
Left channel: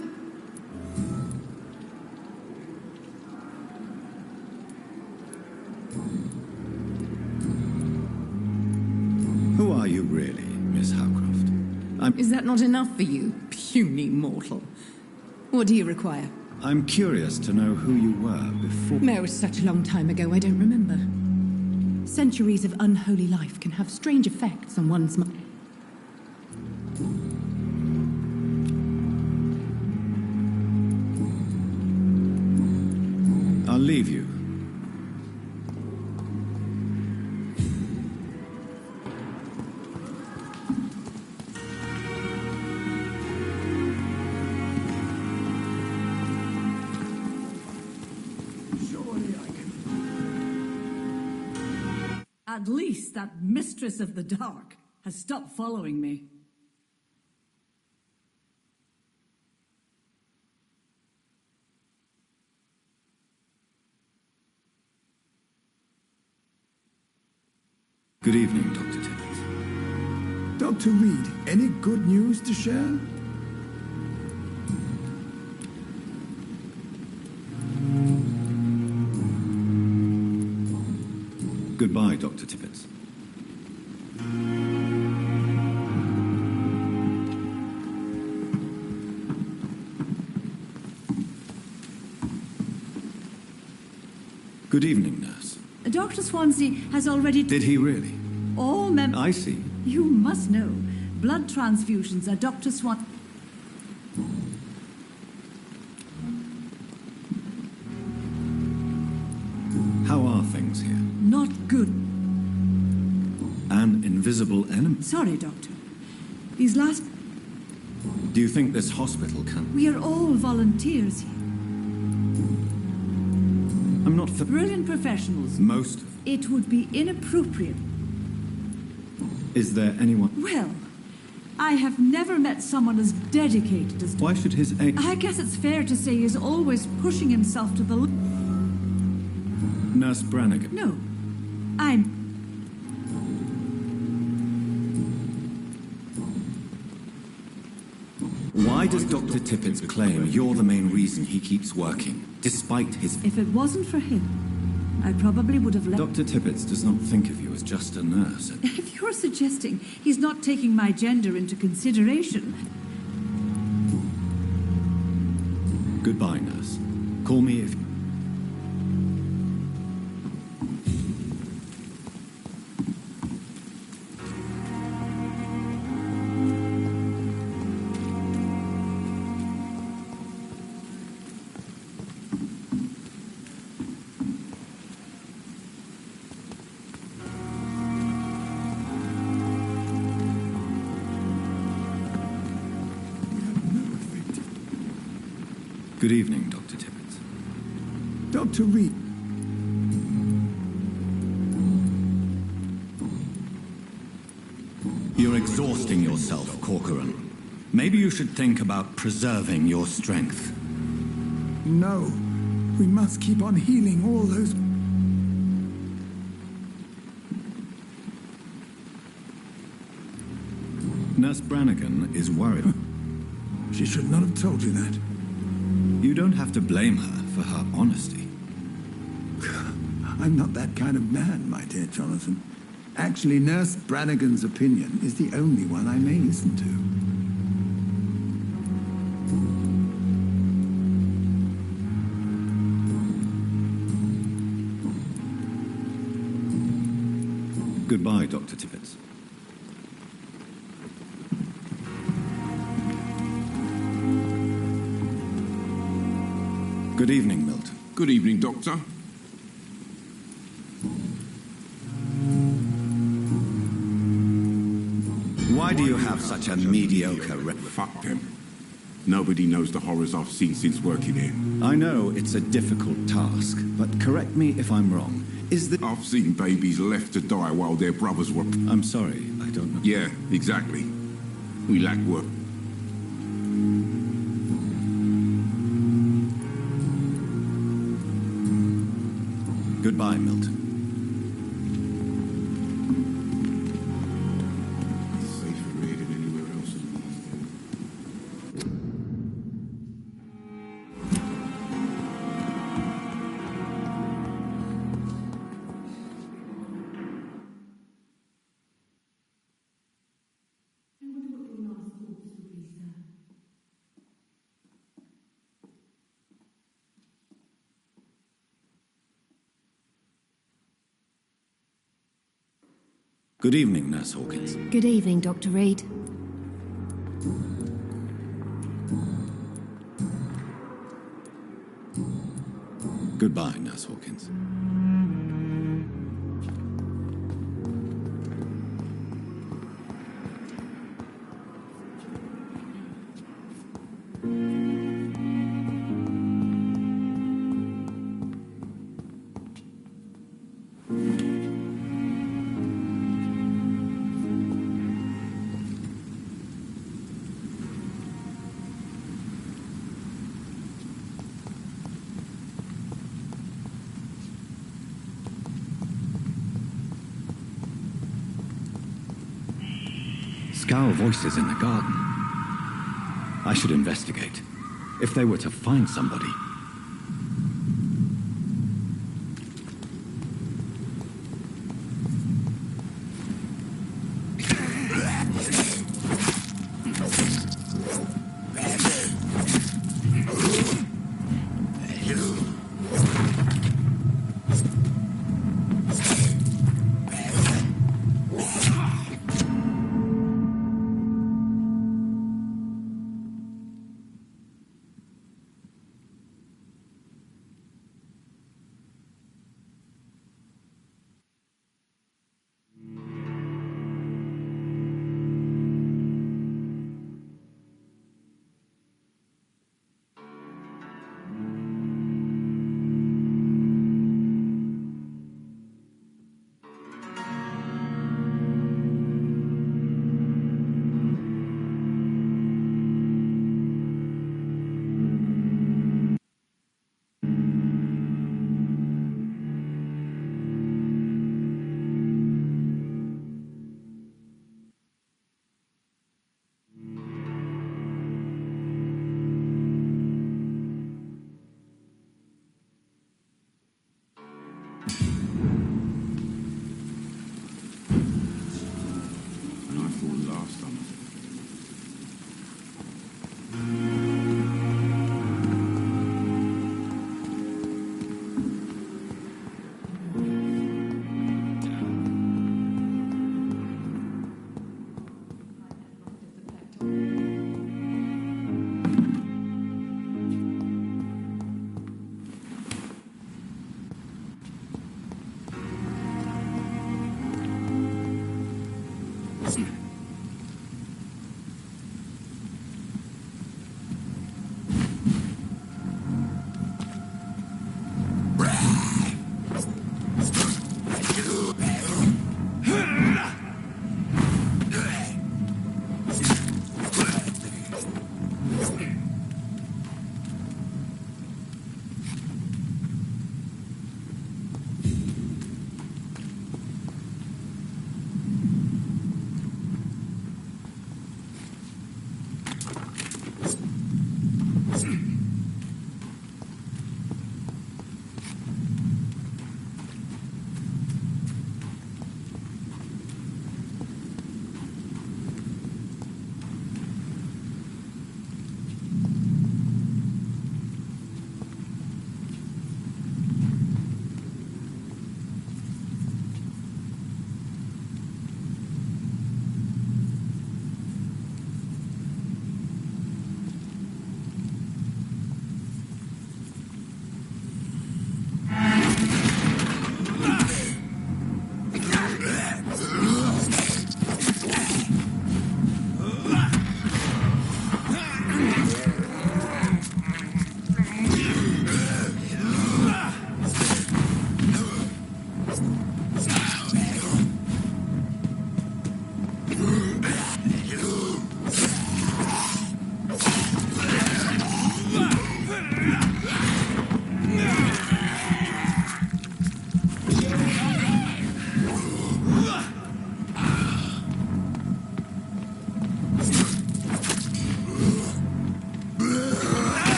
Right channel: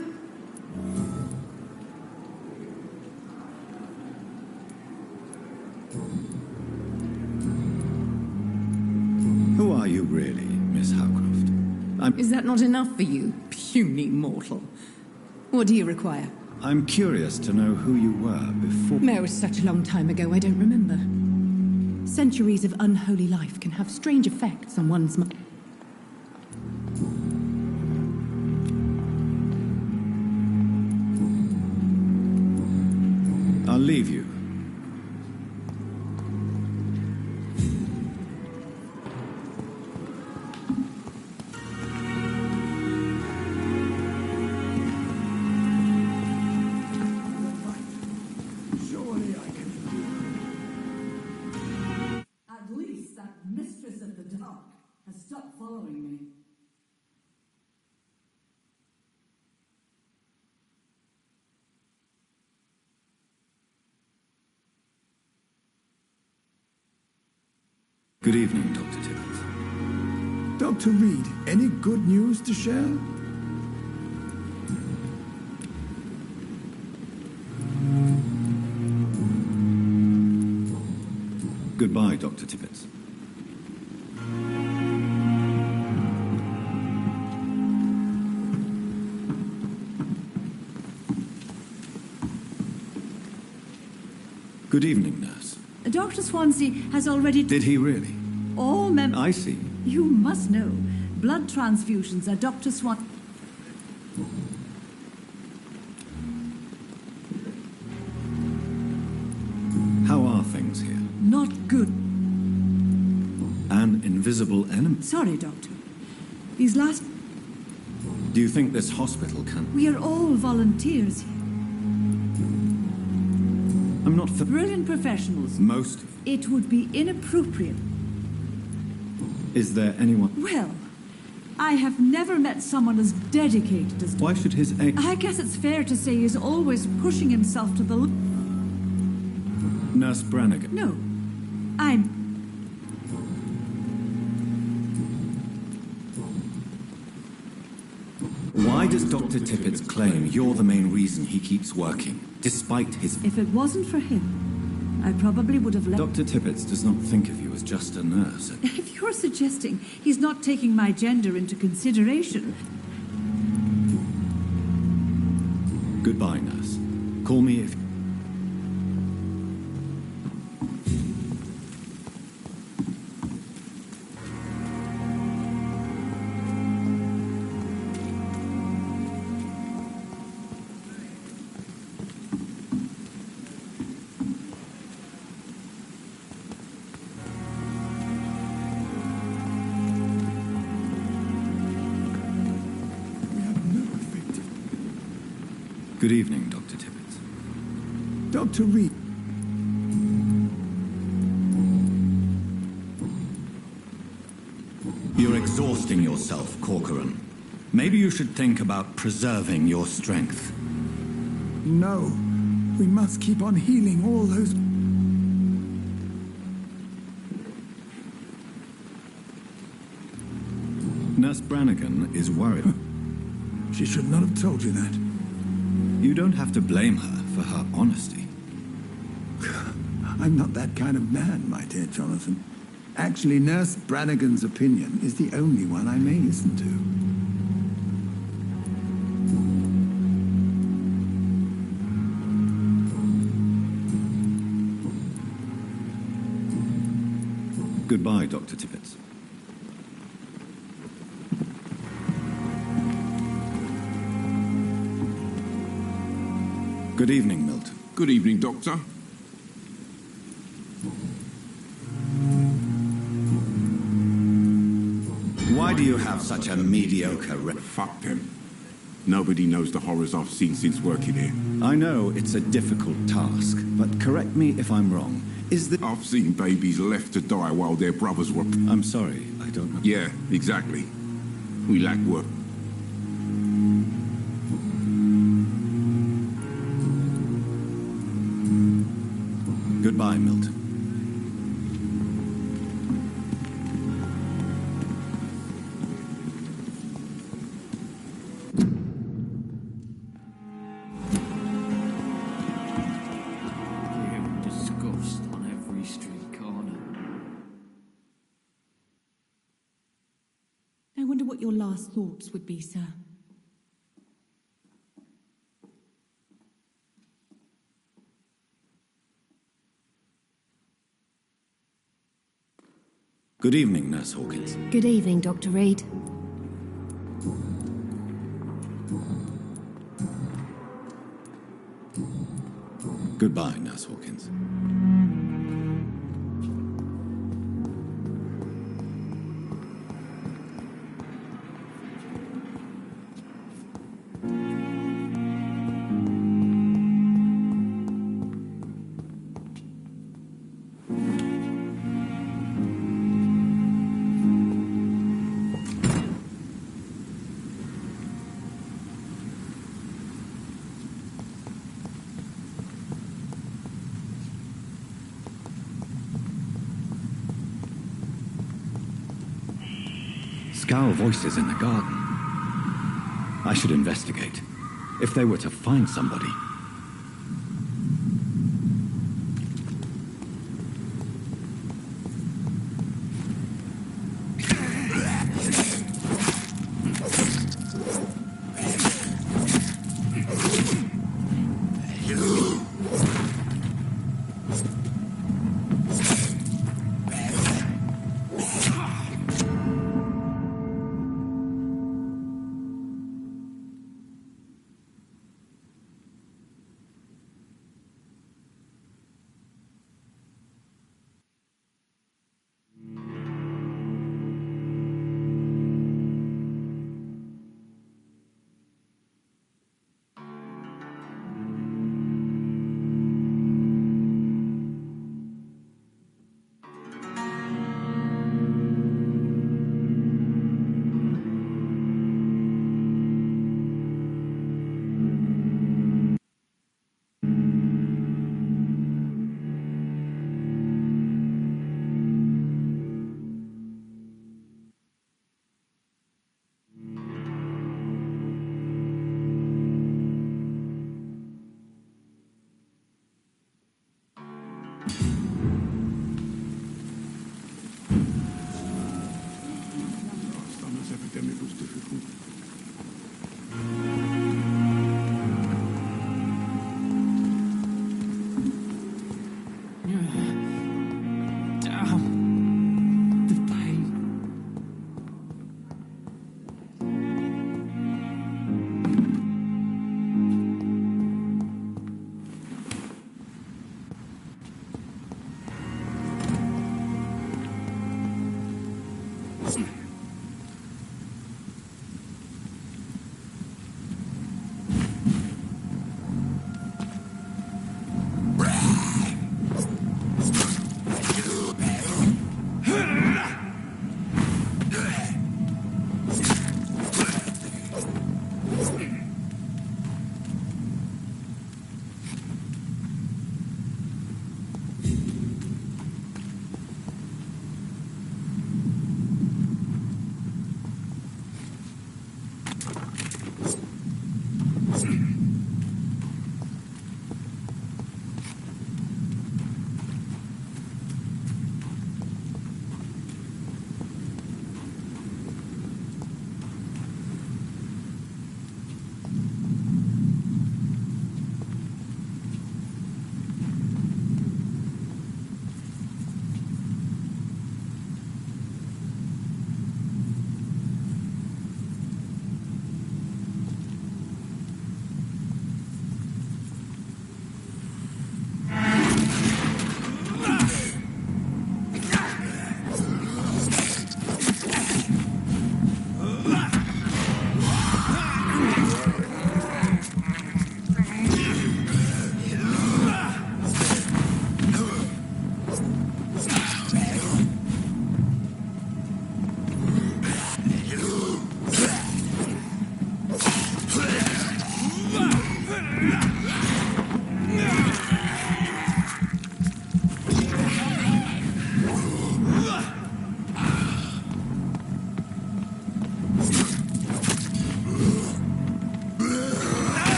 Who are you really, Miss Howcroft? Is that not enough for you, puny mortal? What do you require? I'm curious to know who you were before... No, it's such a long time ago, I don't remember. Centuries of unholy life can have strange effects on one's mind. I'll leave you. Surely I can... At least that mistress of the dark has stopped following me. Good evening, Dr. Tibbets. Dr. Reed, any good news to share? Goodbye, Dr. Tibbets. Good evening, nurse. Dr. Swansea has already... Did he really? All members... I see. You must know. Blood transfusions are Dr. Swan... How are things here? Not good. An invisible enemy? Sorry, Doctor. These last... Do you think this hospital can... We are all volunteers here. I'm not... Brilliant professionals. Most... It would be inappropriate. Is there anyone... Well, I have never met someone as dedicated as... Why should his aim... I guess it's fair to say he's always pushing himself to the... Nurse Brannigan? No. I'm... Why does Dr. Tippett claim you're the main reason he keeps working, despite his... If it wasn't for him, I probably would have left... Dr. Tippett does not think of you as just a nurse. If you're suggesting he's not taking my gender into consideration... Goodbye, nurse. Call me if... Good evening, Dr. Tippett. Dr. Reed. You're exhausting yourself, Corcoran. Maybe you should think about preserving your strength. No. We must keep on healing all those... Nurse Brannigan is worried. She should not have told you that. You don't have to blame her for her honesty. I'm not that kind of man, my dear Jonathan. Actually, Nurse Brannigan's opinion is the only one I may listen to. Goodbye, Dr. Tippett. Good evening, Milton. Good evening, Doctor. Why do you have such a mediocre Fuck them. Nobody knows the horrors I've seen since working here. I know it's a difficult task, but correct me if I'm wrong. I've seen babies left to die while their brothers were... I'm sorry, I don't know. Yeah, exactly. We lack work. Goodbye, Milton. I wonder what your last thoughts would be, sir. Good evening, Nurse Hawkins. Good evening, Dr. Reed. Goodbye, Nurse Hawkins. Scowl voices in the garden. I should investigate. If they were to find somebody.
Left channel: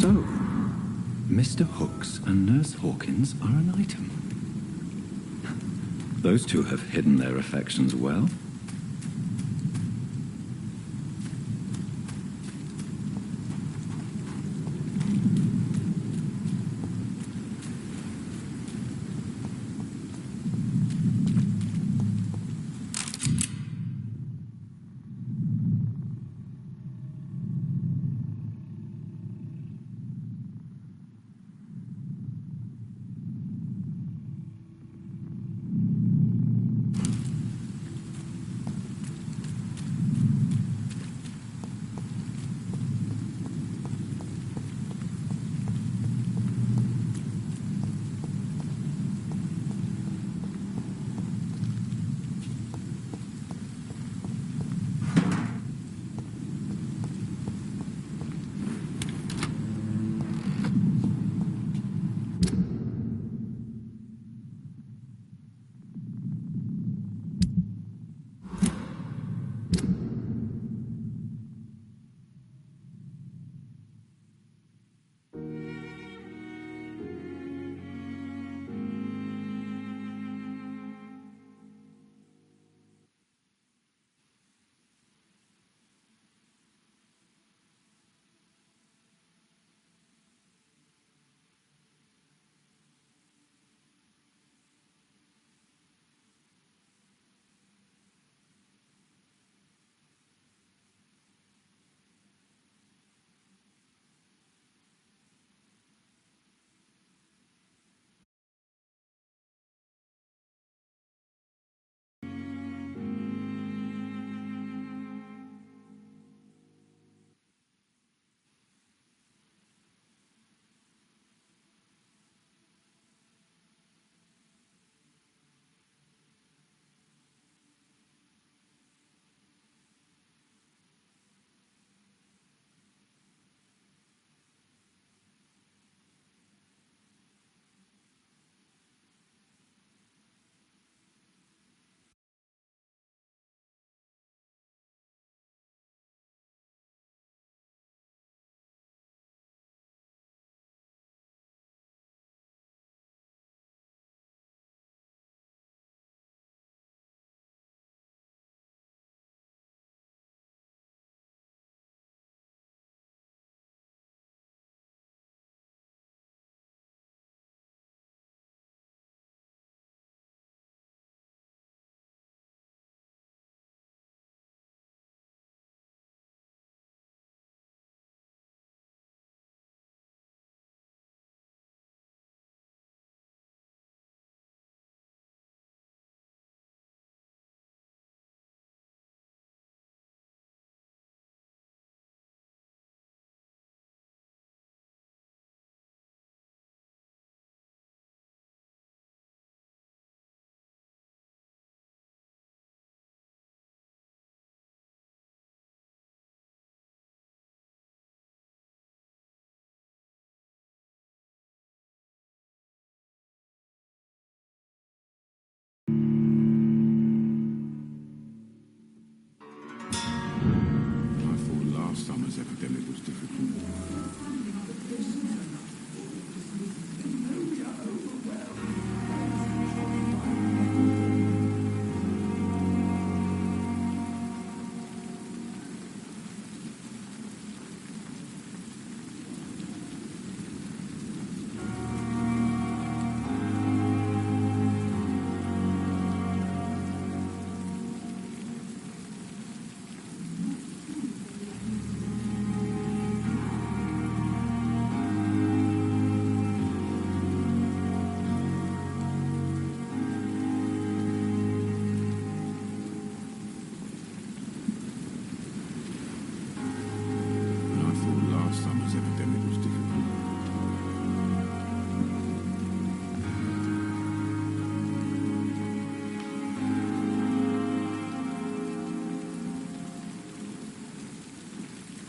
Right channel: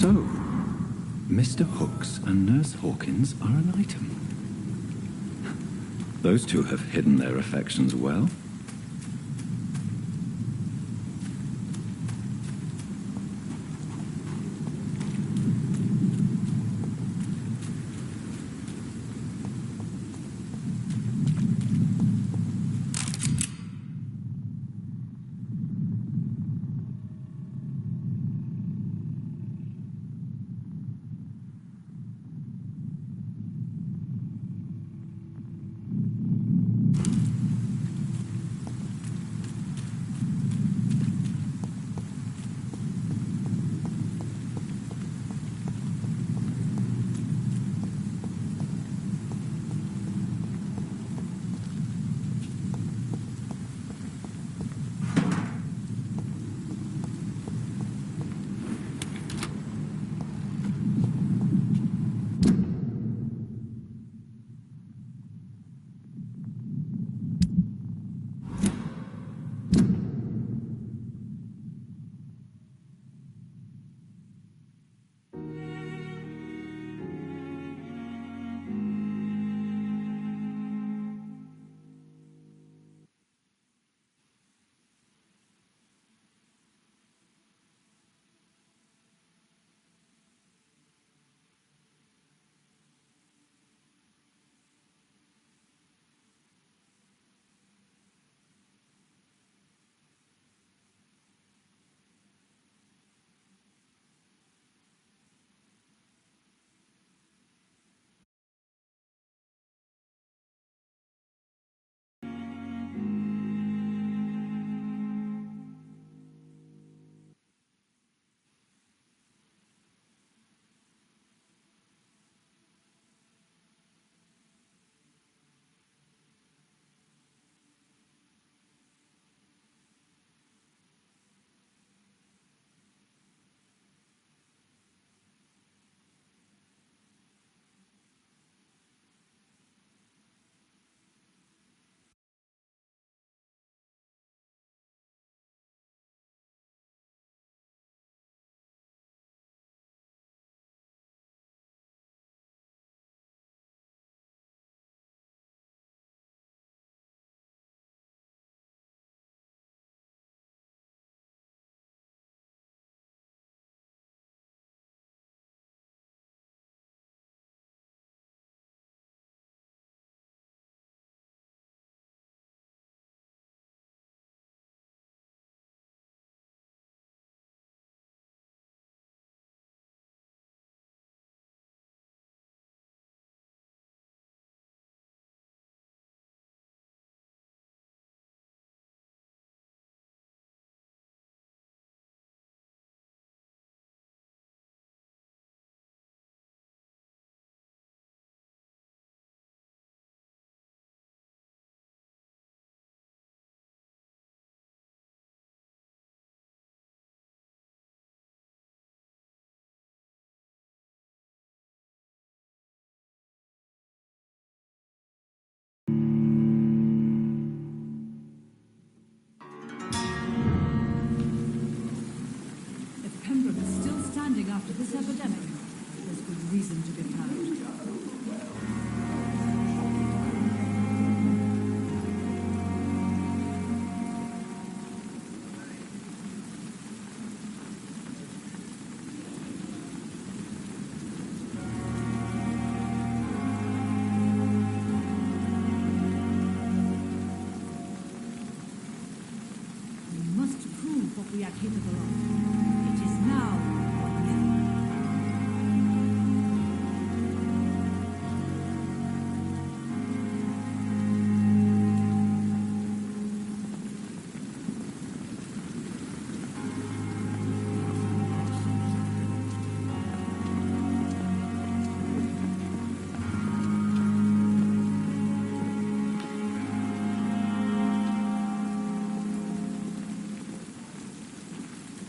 So, Mr. Hooks and Nurse Hawkins are an item. Those two have hidden their affections well.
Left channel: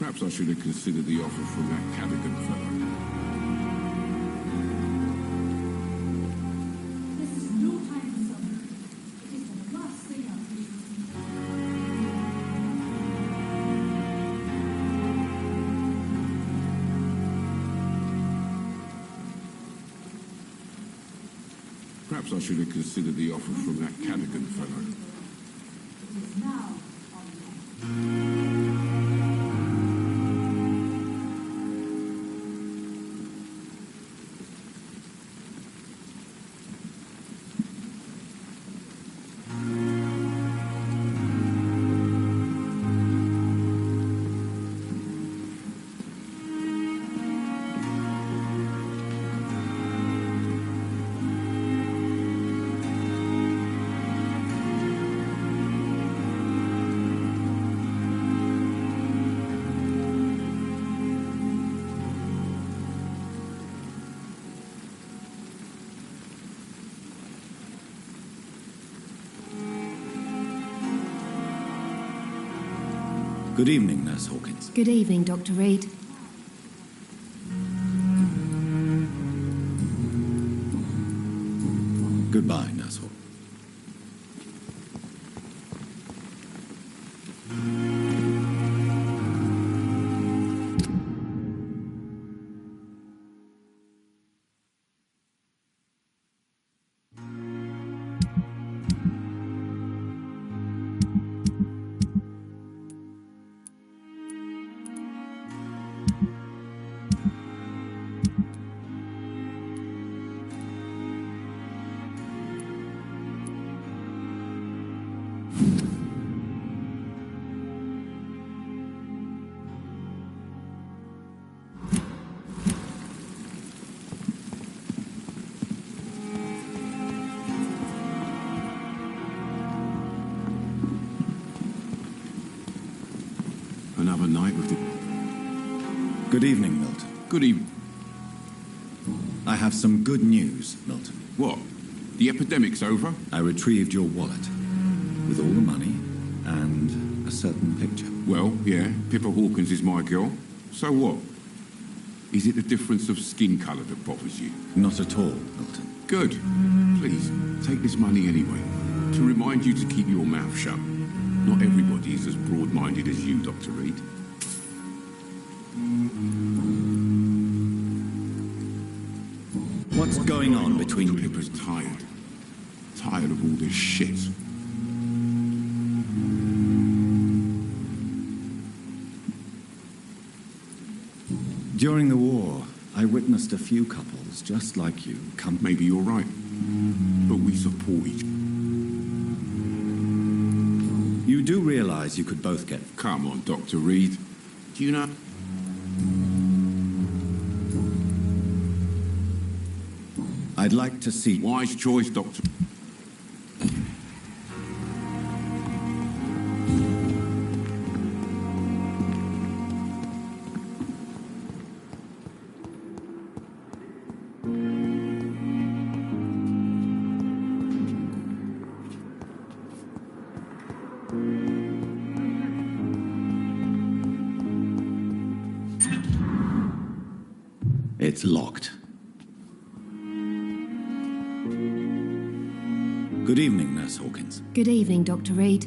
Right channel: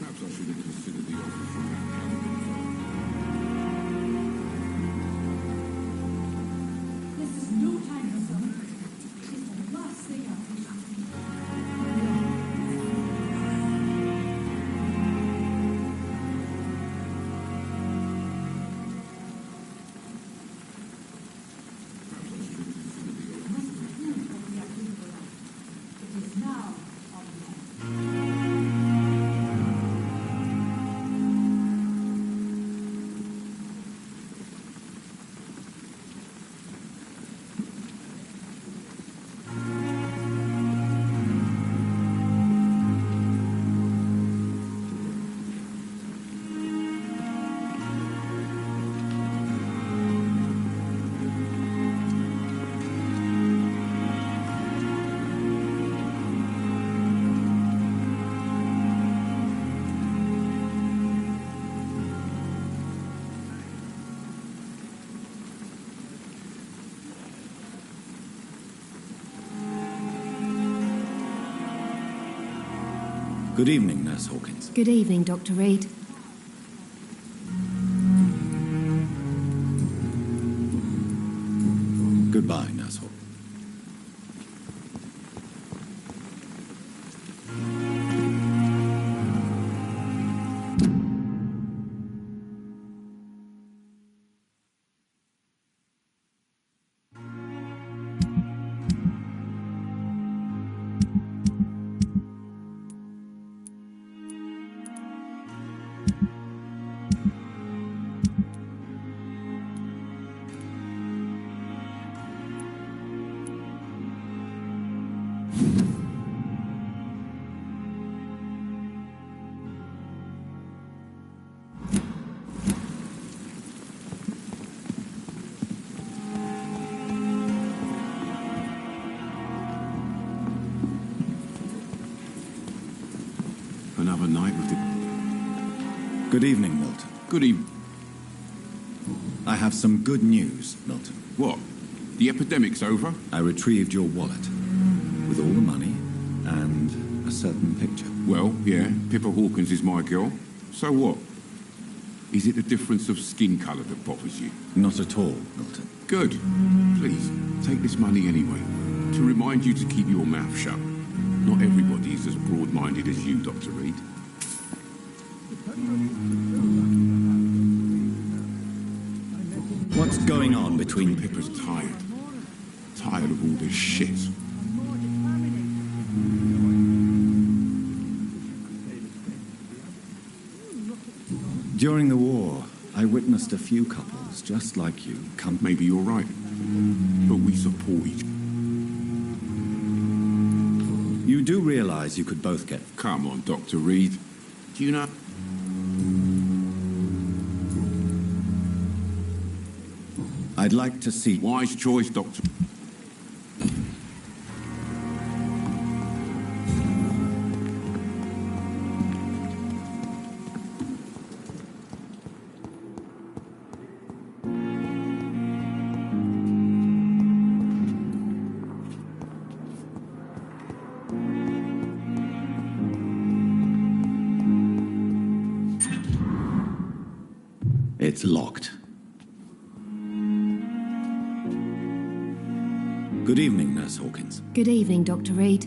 Perhaps I should have considered the offer from that Callaghan fellow. This is no time for something. It is the last thing I wish to see. Perhaps I should have considered the offer from that Callaghan fellow. It is now on Good evening, Nurse Hawkins. Good evening, Dr. Reed. Goodbye, Nurse Hawkins. Another night with the... Good evening, Milton. Good evening. I have some good news, Milton. What? The epidemic's over? I retrieved your wallet with all the money and a certain picture. Well, yeah, Pippa Hawkins is my girl. So what? Is it the difference of skin colour that bothers you? Not at all, Milton. Good. Please, take this money anyway. To remind you to keep your mouth shut. Not everybody is as broad-minded as you, Dr. Reed. What's going on between... Pippa's tired. Tired of all this shit. During the war, I witnessed a few couples just like you come... Maybe you're right. But we support each other. You do realize you could both get... Come on, Dr. Reed. Do you know... I'd like to see... Wise choice, Doctor. It's locked. Good evening, Nurse Hawkins. Good evening, Dr. Reed.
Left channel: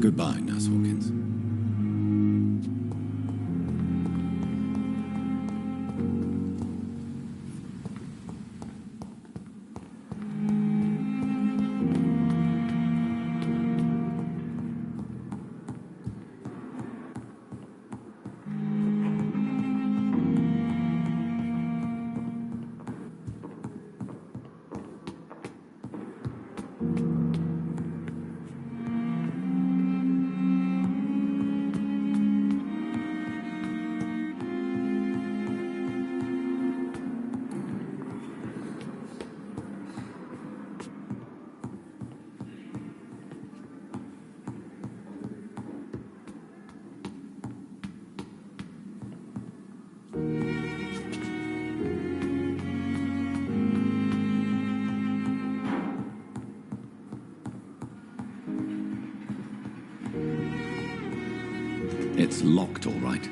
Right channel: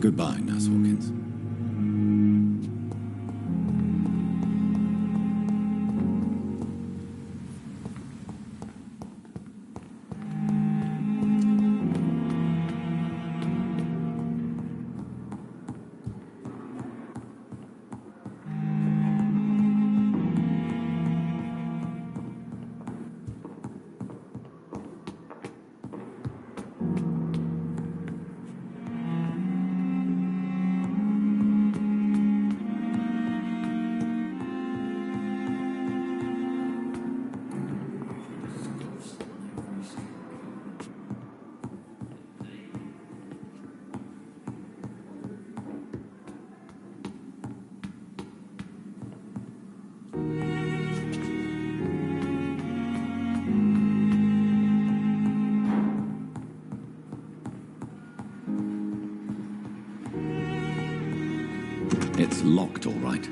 Goodbye, Nurse Hawkins. It's locked, all right.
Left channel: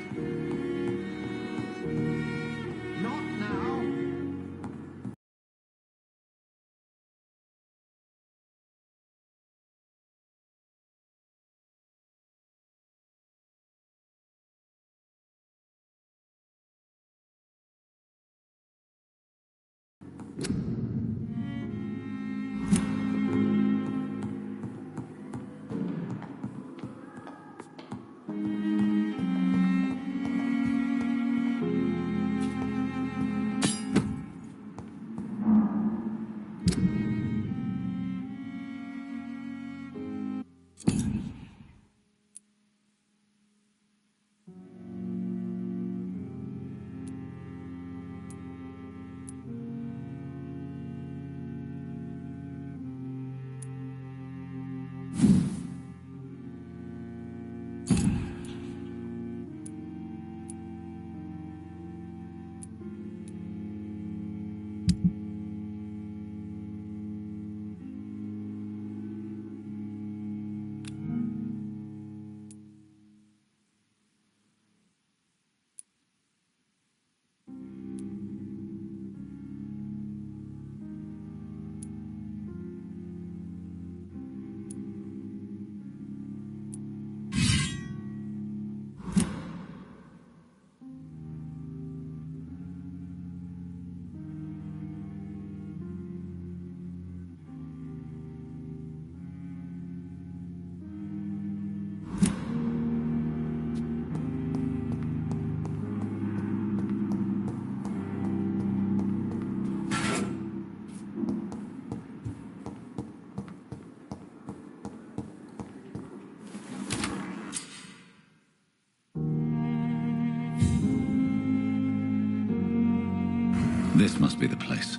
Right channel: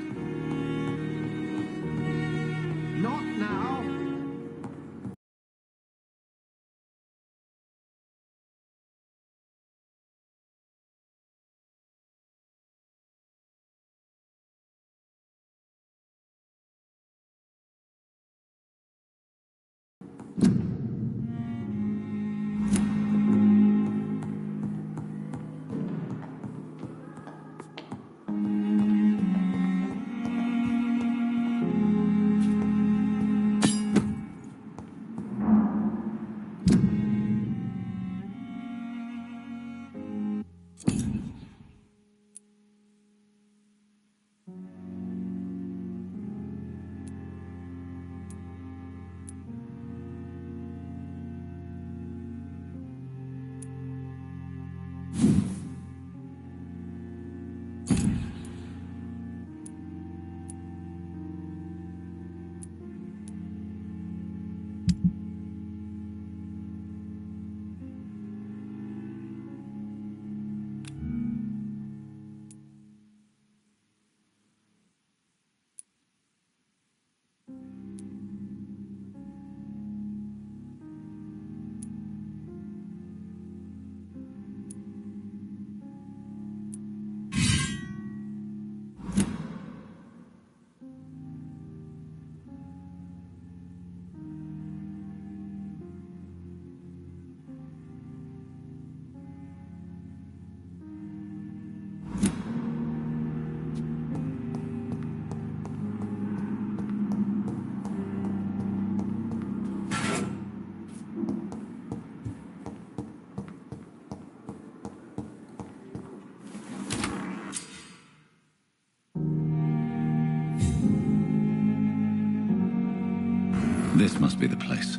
This must be the place.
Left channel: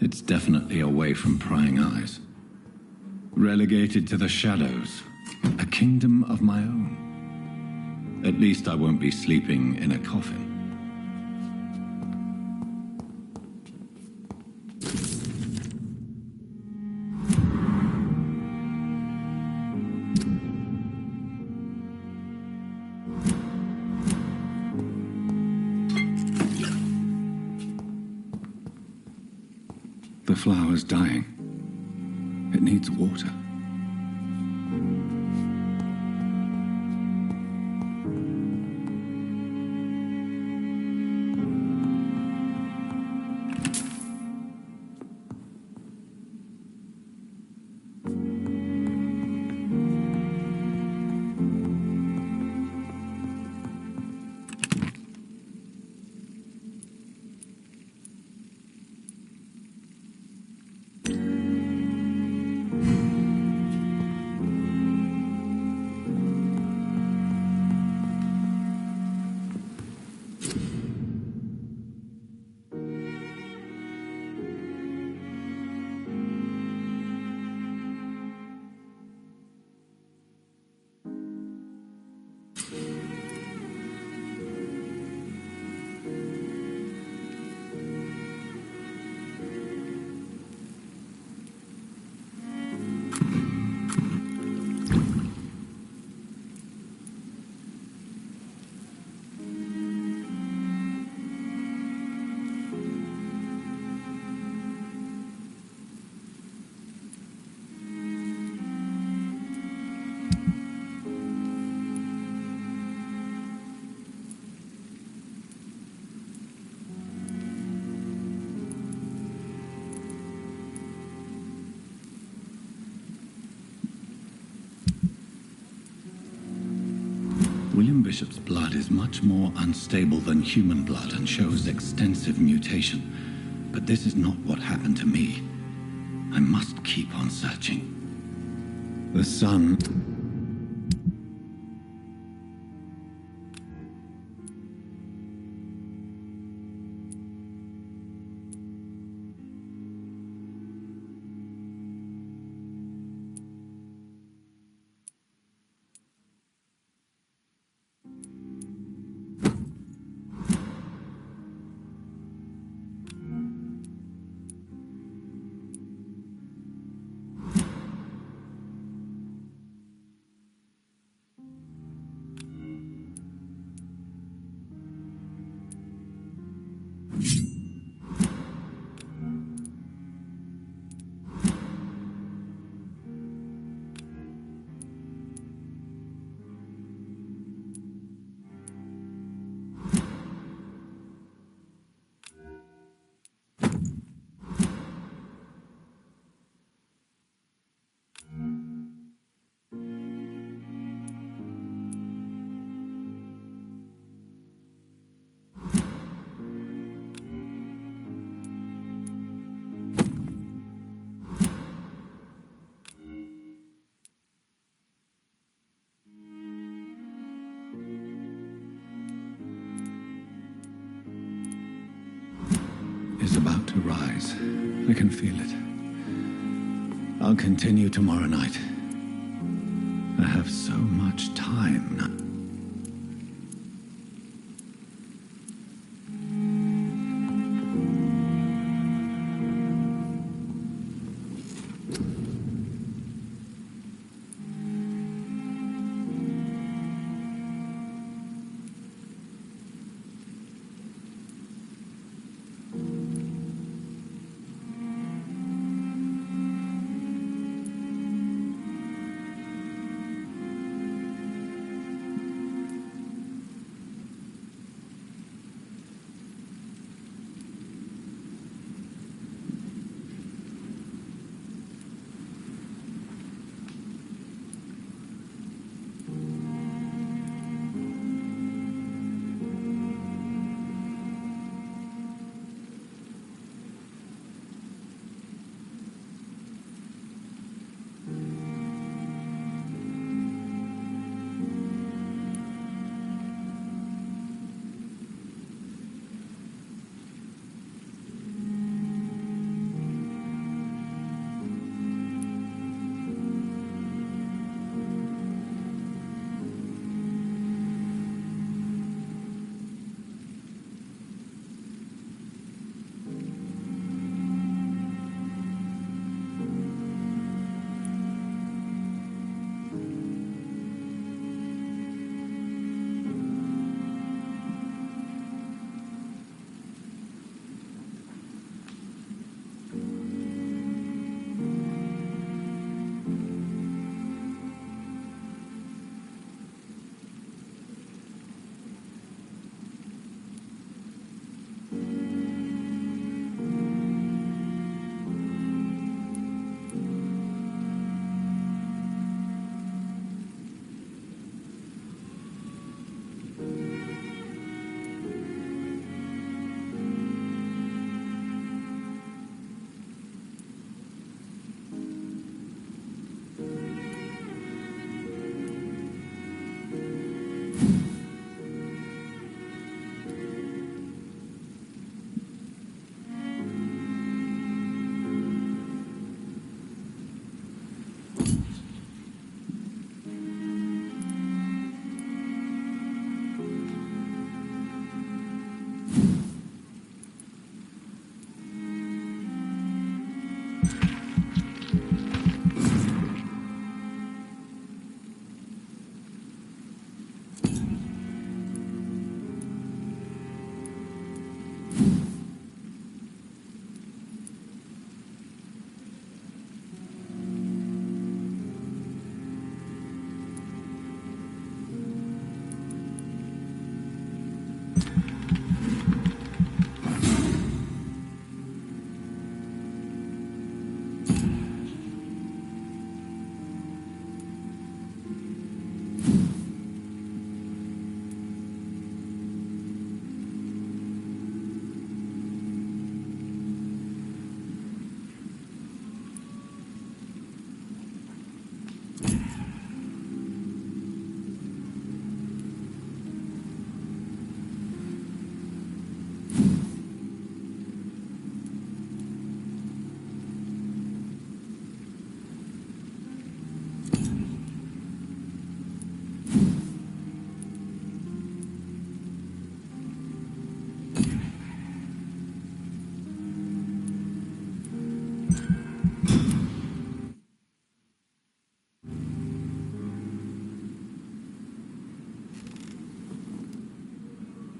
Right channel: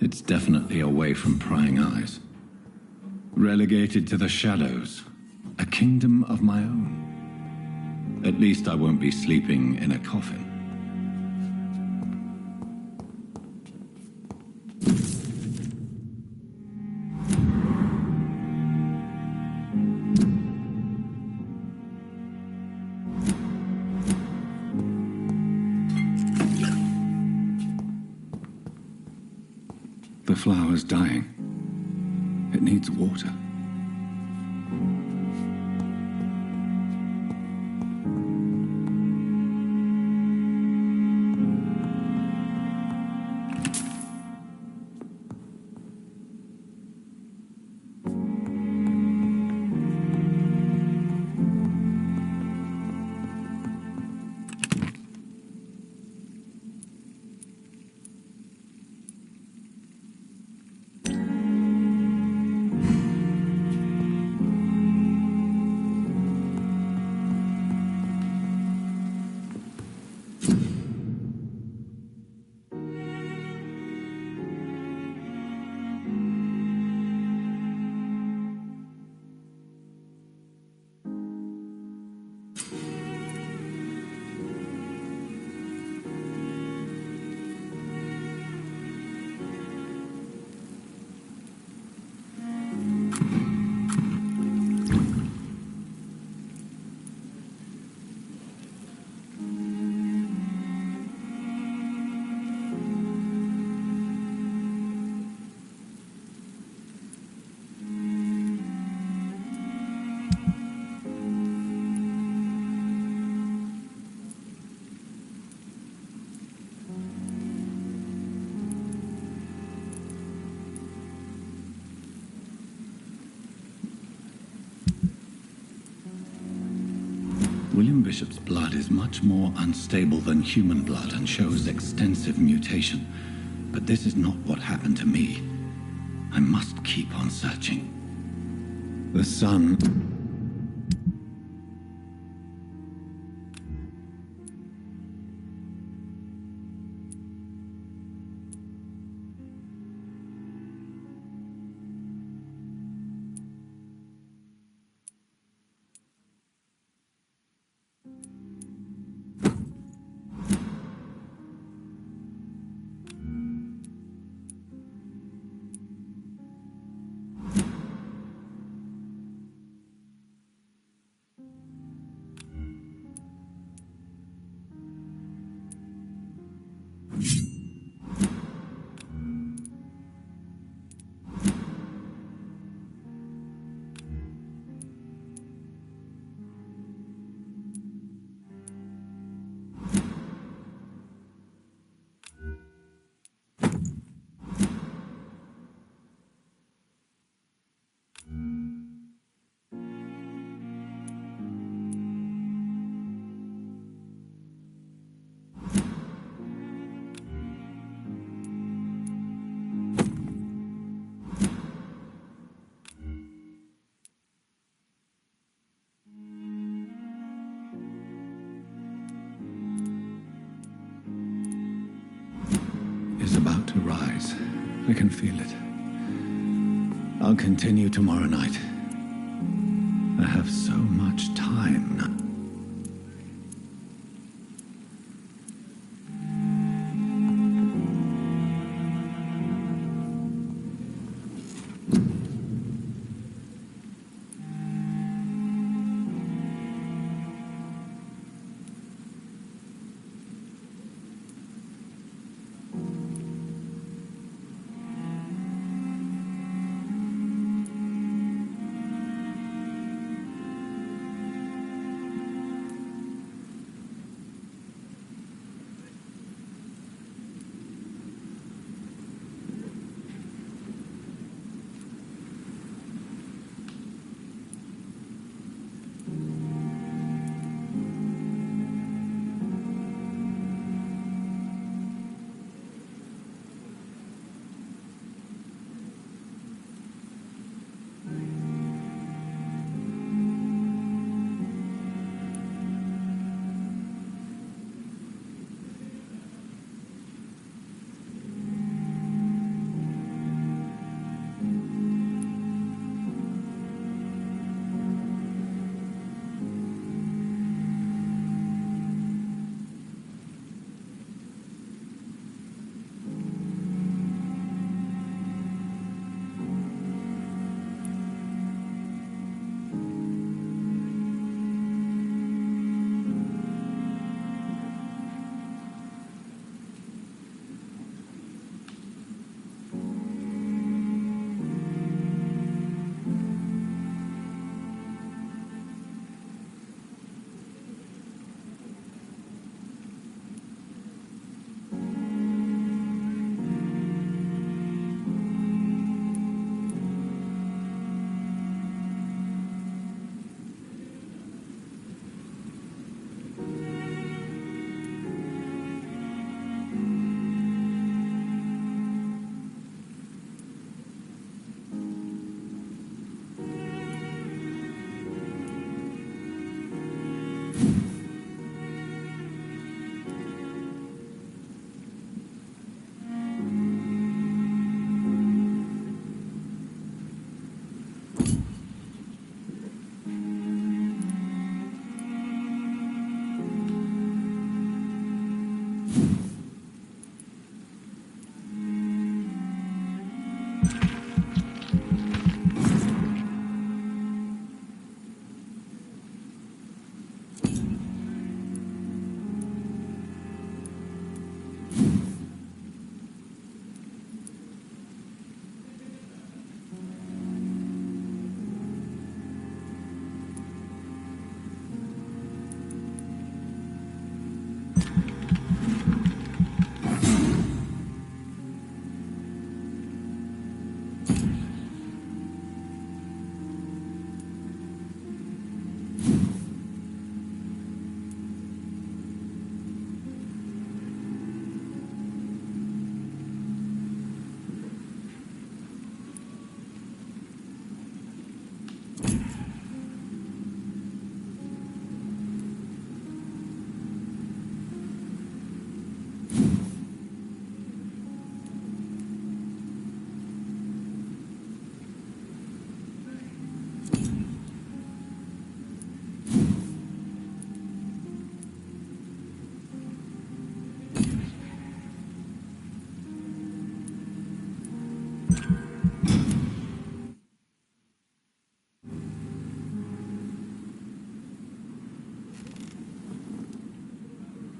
It's definitely away from prying eyes. Relegated to the shadows. A kingdom of my own. At least I won't be sleeping in a coffin. The flower's dying. It needs water. William Bishop's blood is much more unstable than human blood and shows extensive mutation. But this is not what happened to me. I must keep on searching. The sun... is about to rise. I can feel it. I'll continue tomorrow night. I have so much time now.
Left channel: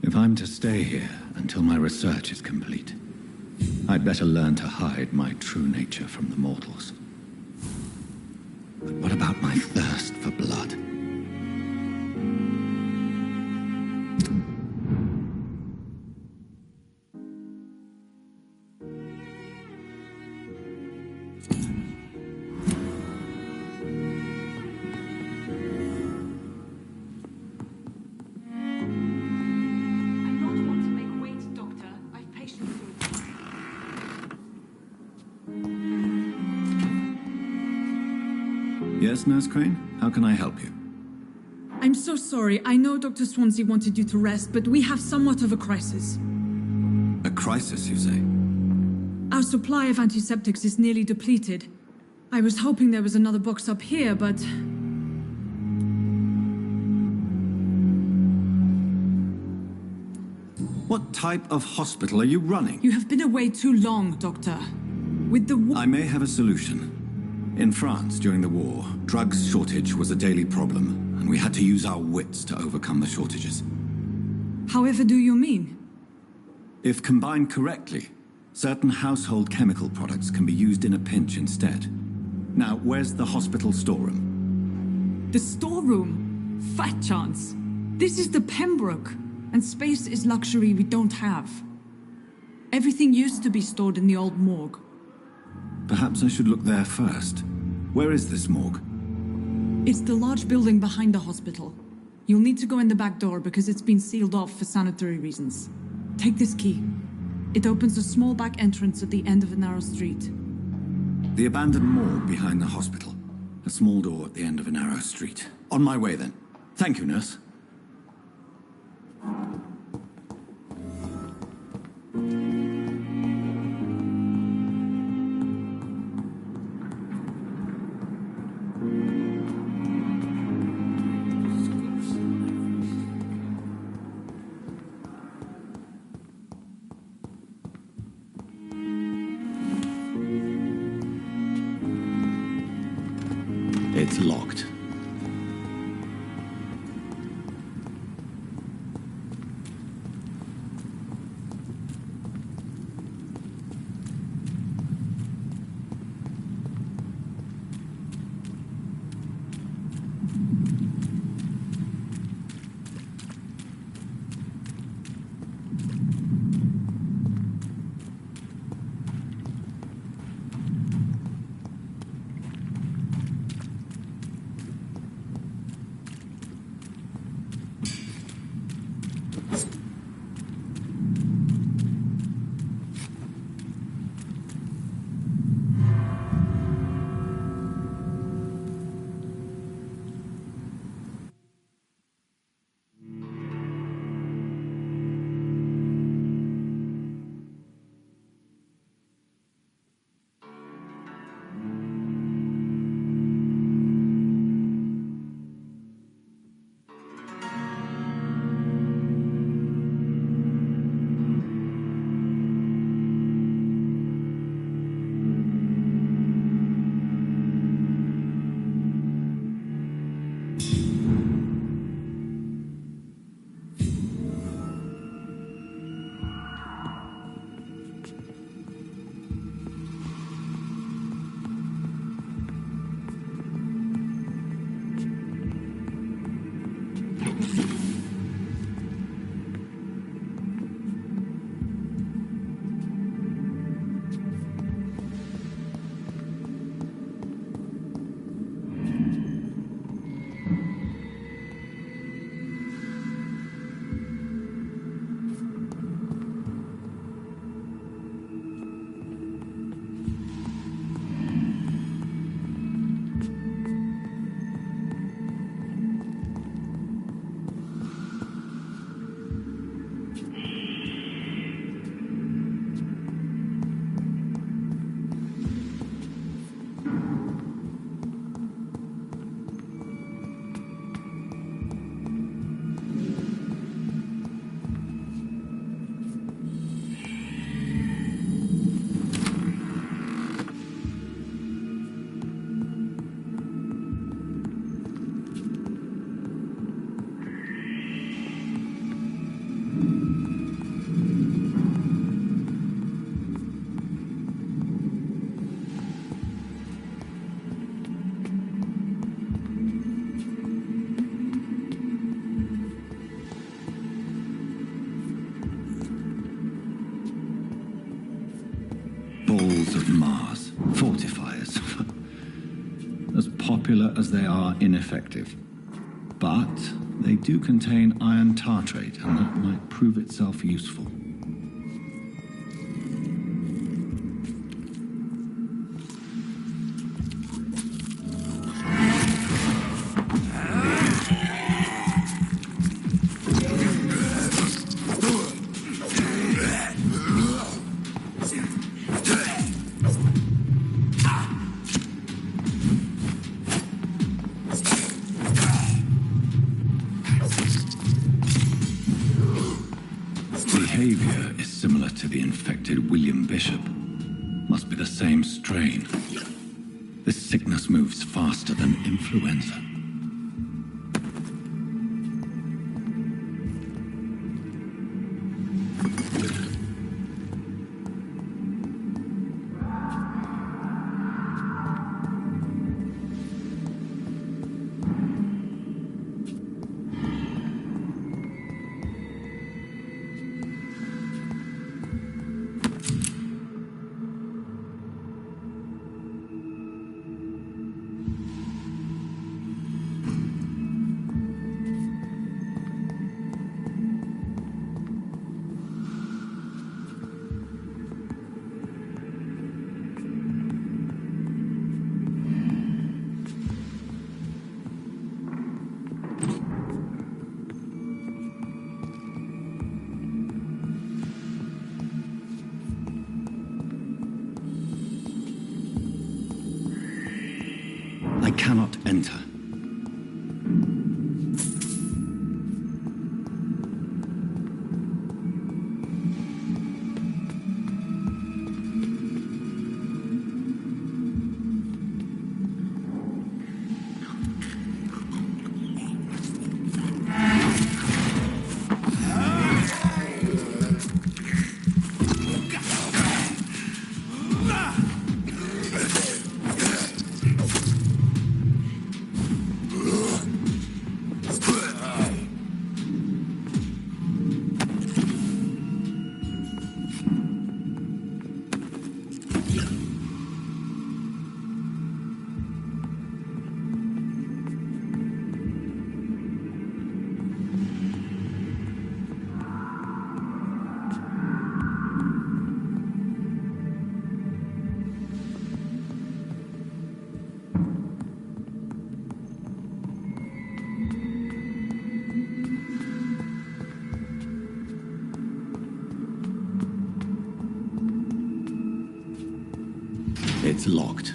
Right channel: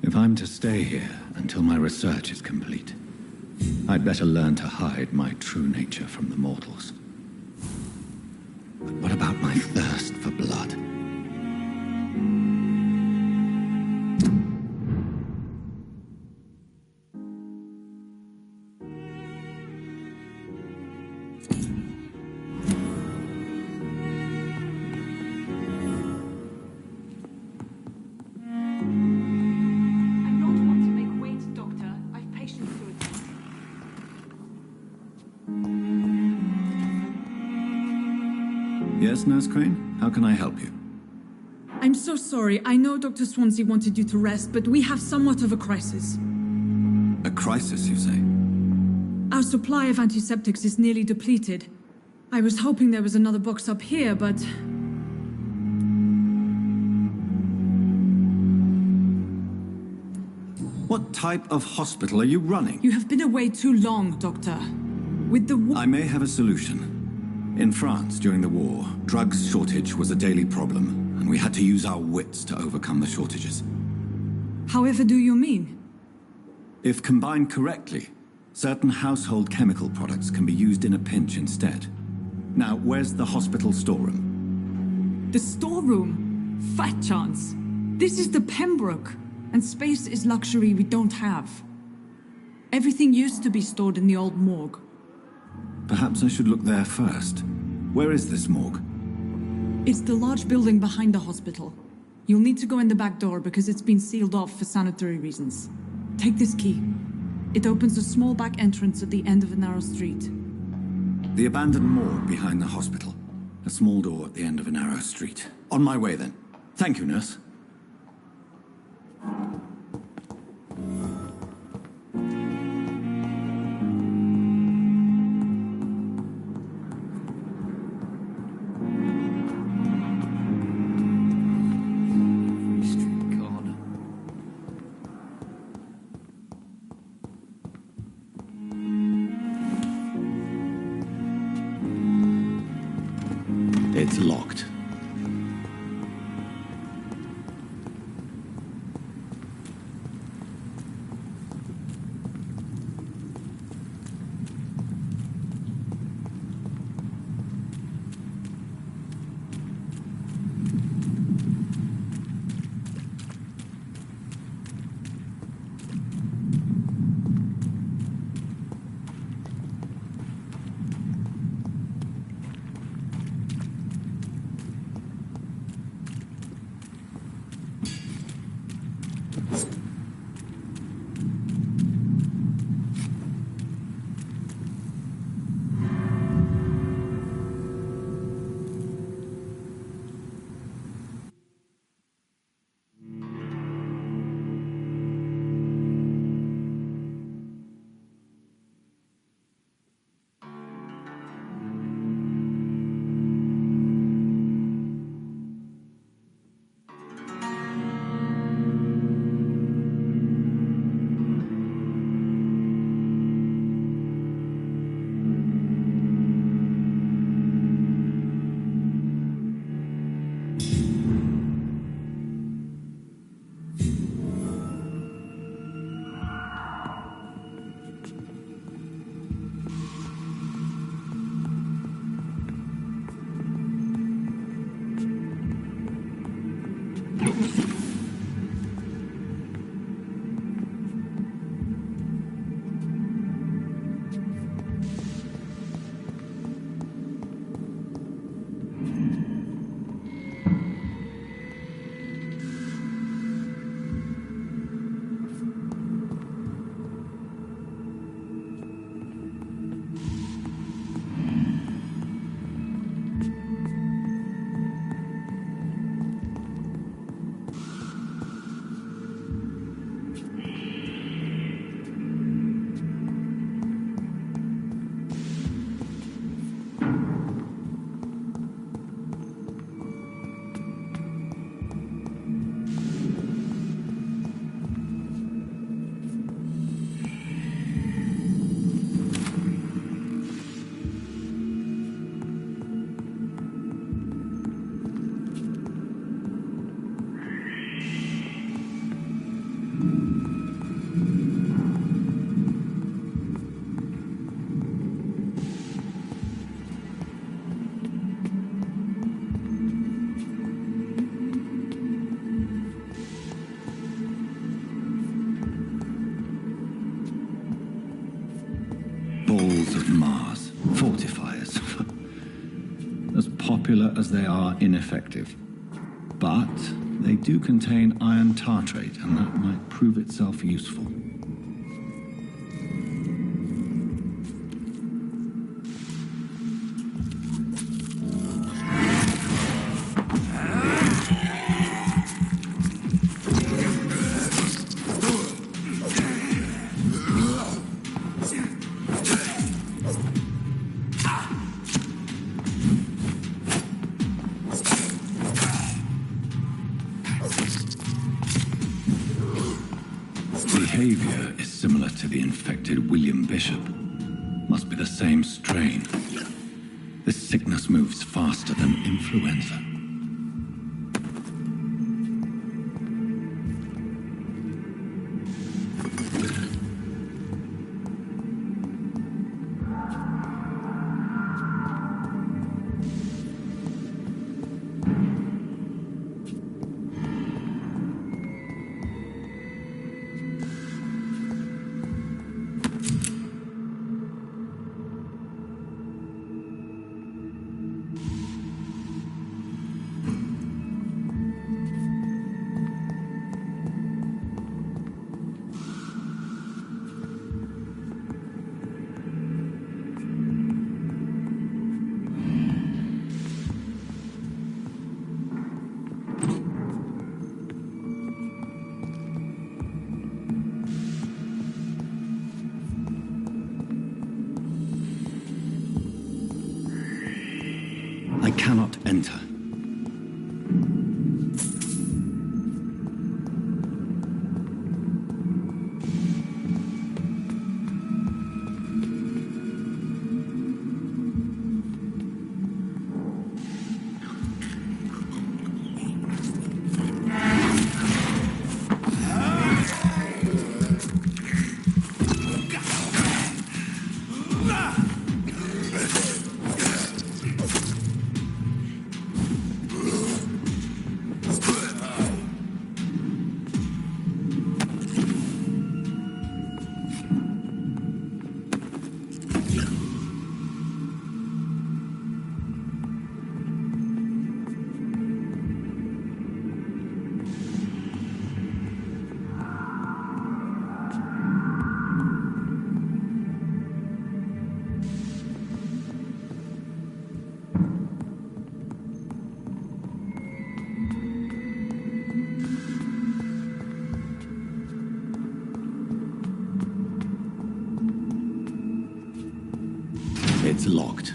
If I'm to stay here until my research is complete, I'd better learn to hide my true nature from the mortals. But what about my thirst for blood? Yes, Nurse Crane? How can I help you? I'm so sorry. I know Dr. Swansea wanted you to rest, but we have somewhat of a crisis. A crisis, you say? Our supply of antiseptics is nearly depleted. I was hoping there was another box up here, but... What type of hospital are you running? You have been away too long, Doctor. With the war... I may have a solution. In France, during the war, drugs shortage was a daily problem, and we had to use our wits to overcome the shortages. However do you mean? If combined correctly, certain household chemical products can be used in a pinch instead. Now, where's the hospital storeroom? The storeroom? Fat chance. This is the Pembroke, and space is luxury we don't have. Everything used to be stored in the old morgue. Perhaps I should look there first. Where is this morgue? It's the large building behind the hospital. You'll need to go in the back door because it's been sealed off for sanitary reasons. Take this key. It opens a small back entrance at the end of a narrow street. The abandoned morgue behind the hospital. A small door at the end of a narrow street. On my way then. Thank you, nurse. It's locked. popular as they are ineffective. But they do contain iron tartrate, and that might prove itself useful. Behavior is similar to the infected William Bishop. Must be the same strain. This sickness moves faster than influenza. I cannot enter. It's locked.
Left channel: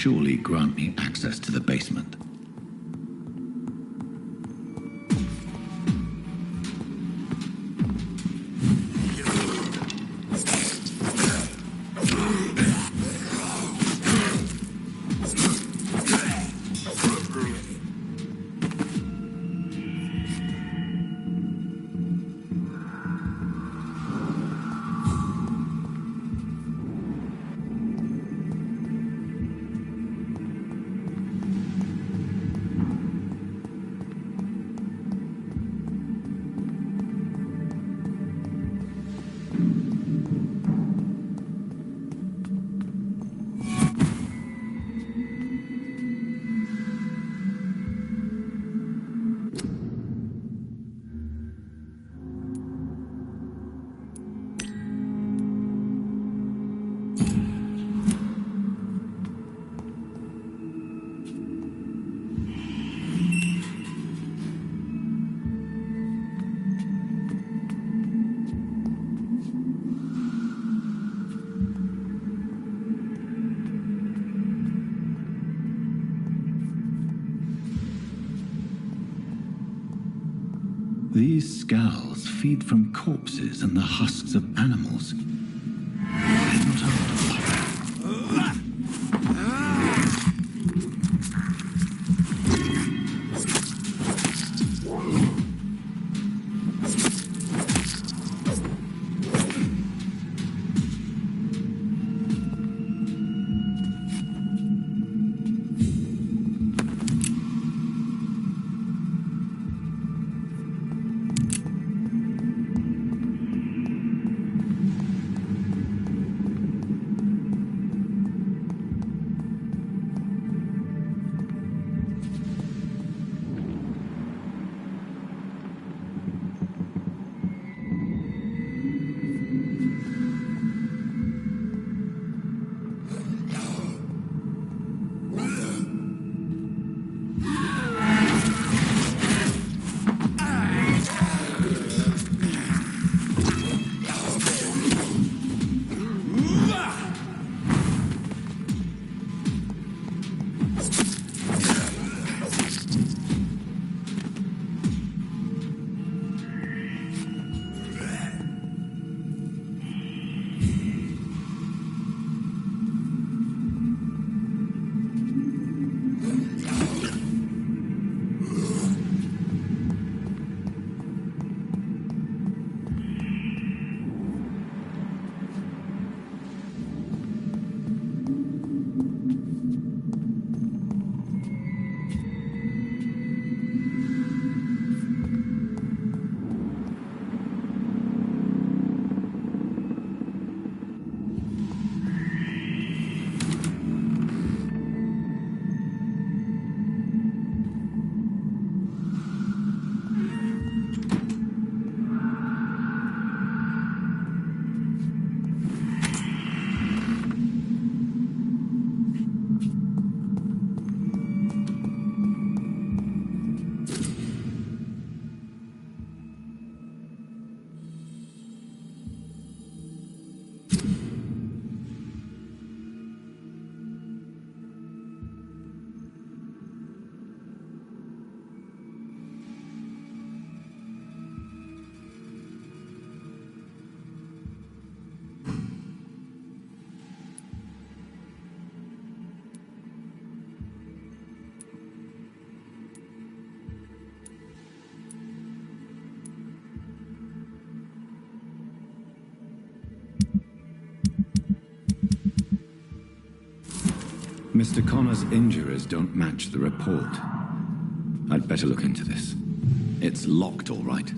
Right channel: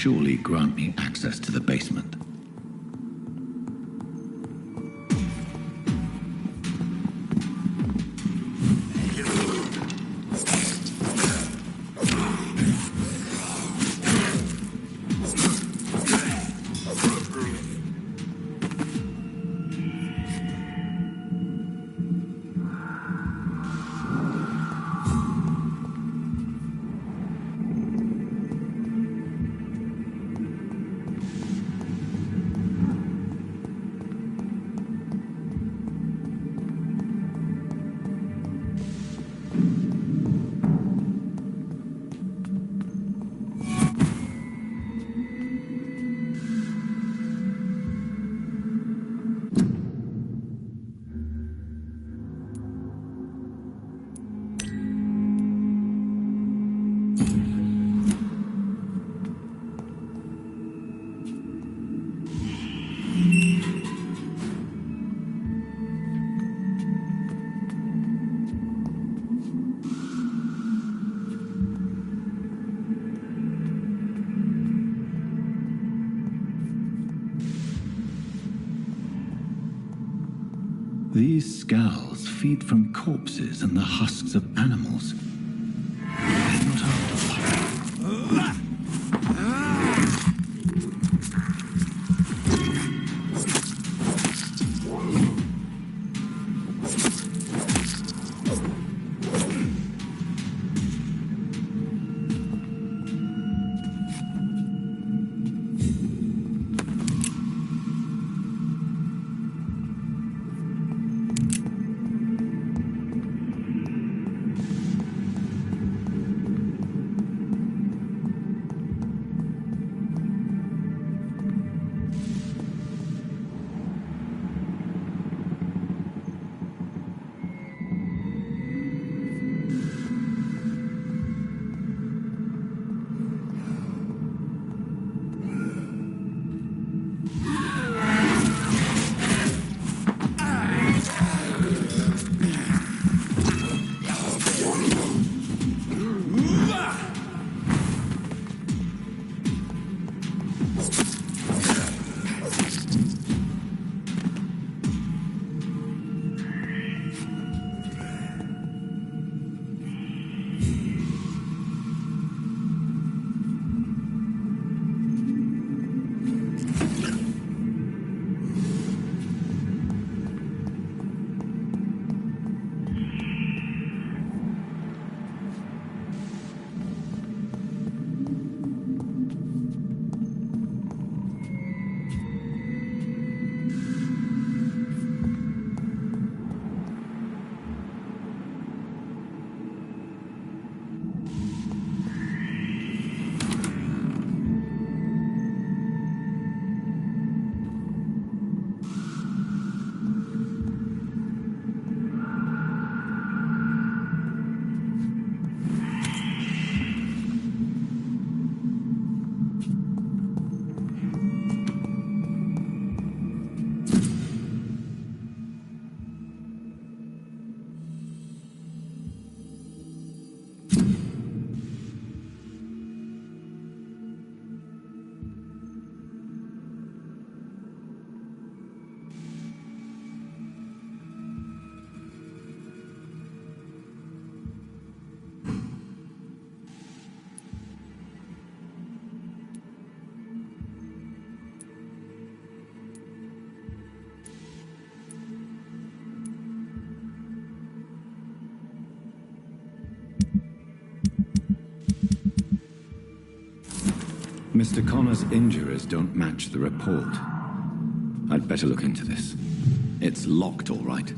surely grant me access to the basement. These scowls feed from corpses and the husks of animals. They're not after. Mr. Connor's injuries don't match the report. I'd better look into this. It's locked, all right.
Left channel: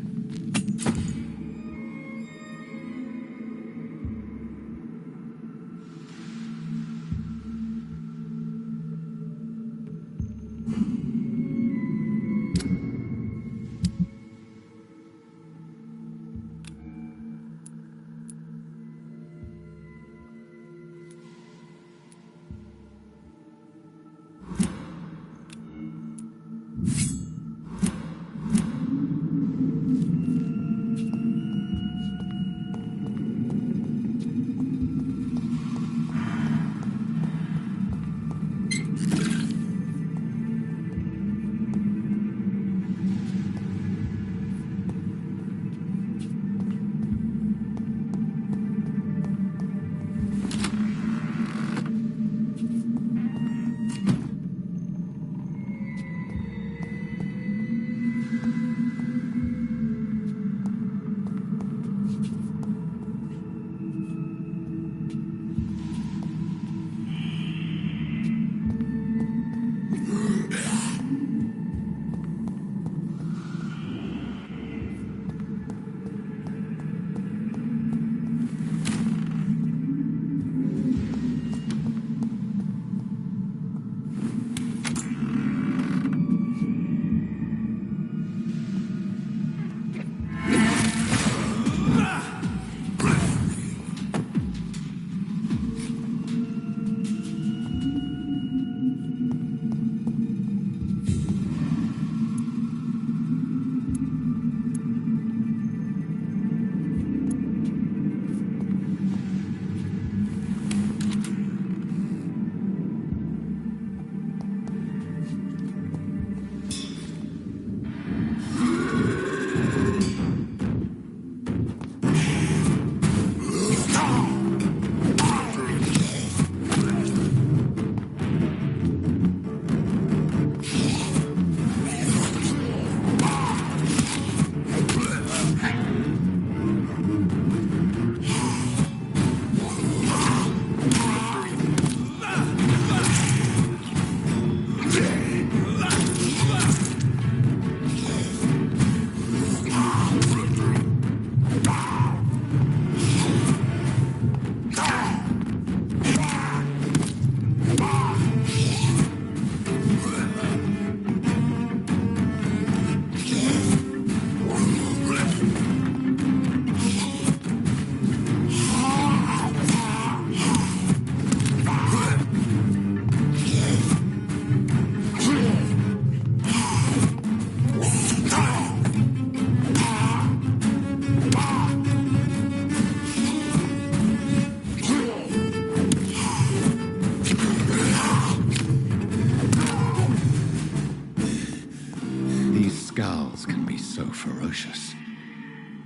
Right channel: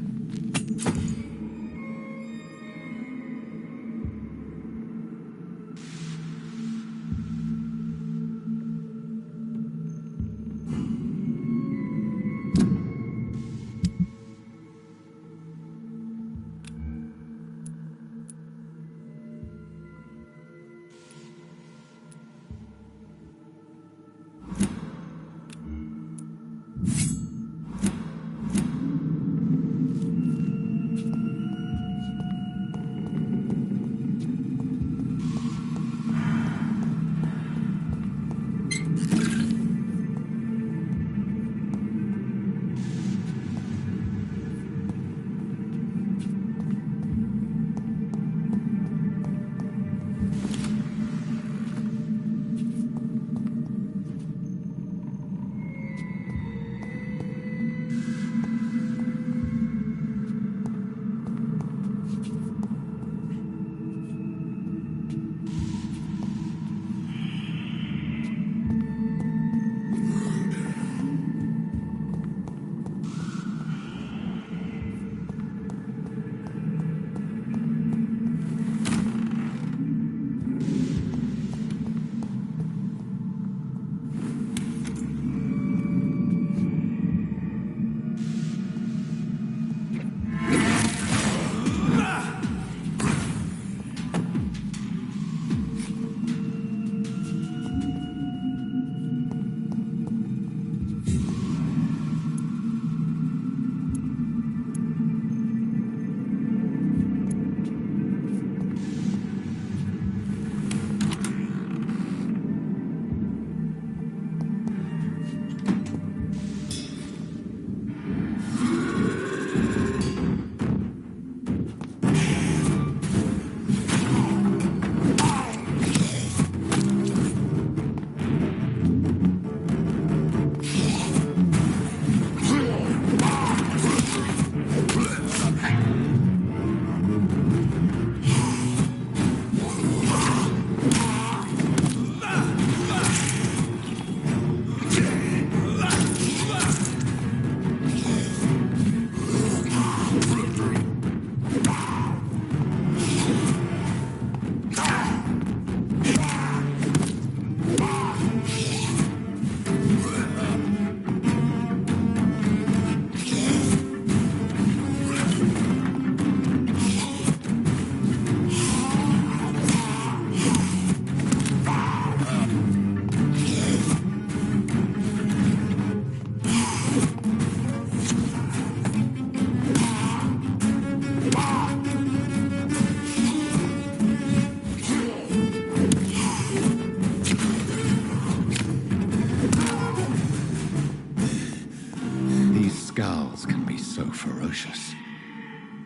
scowls can be so ferocious.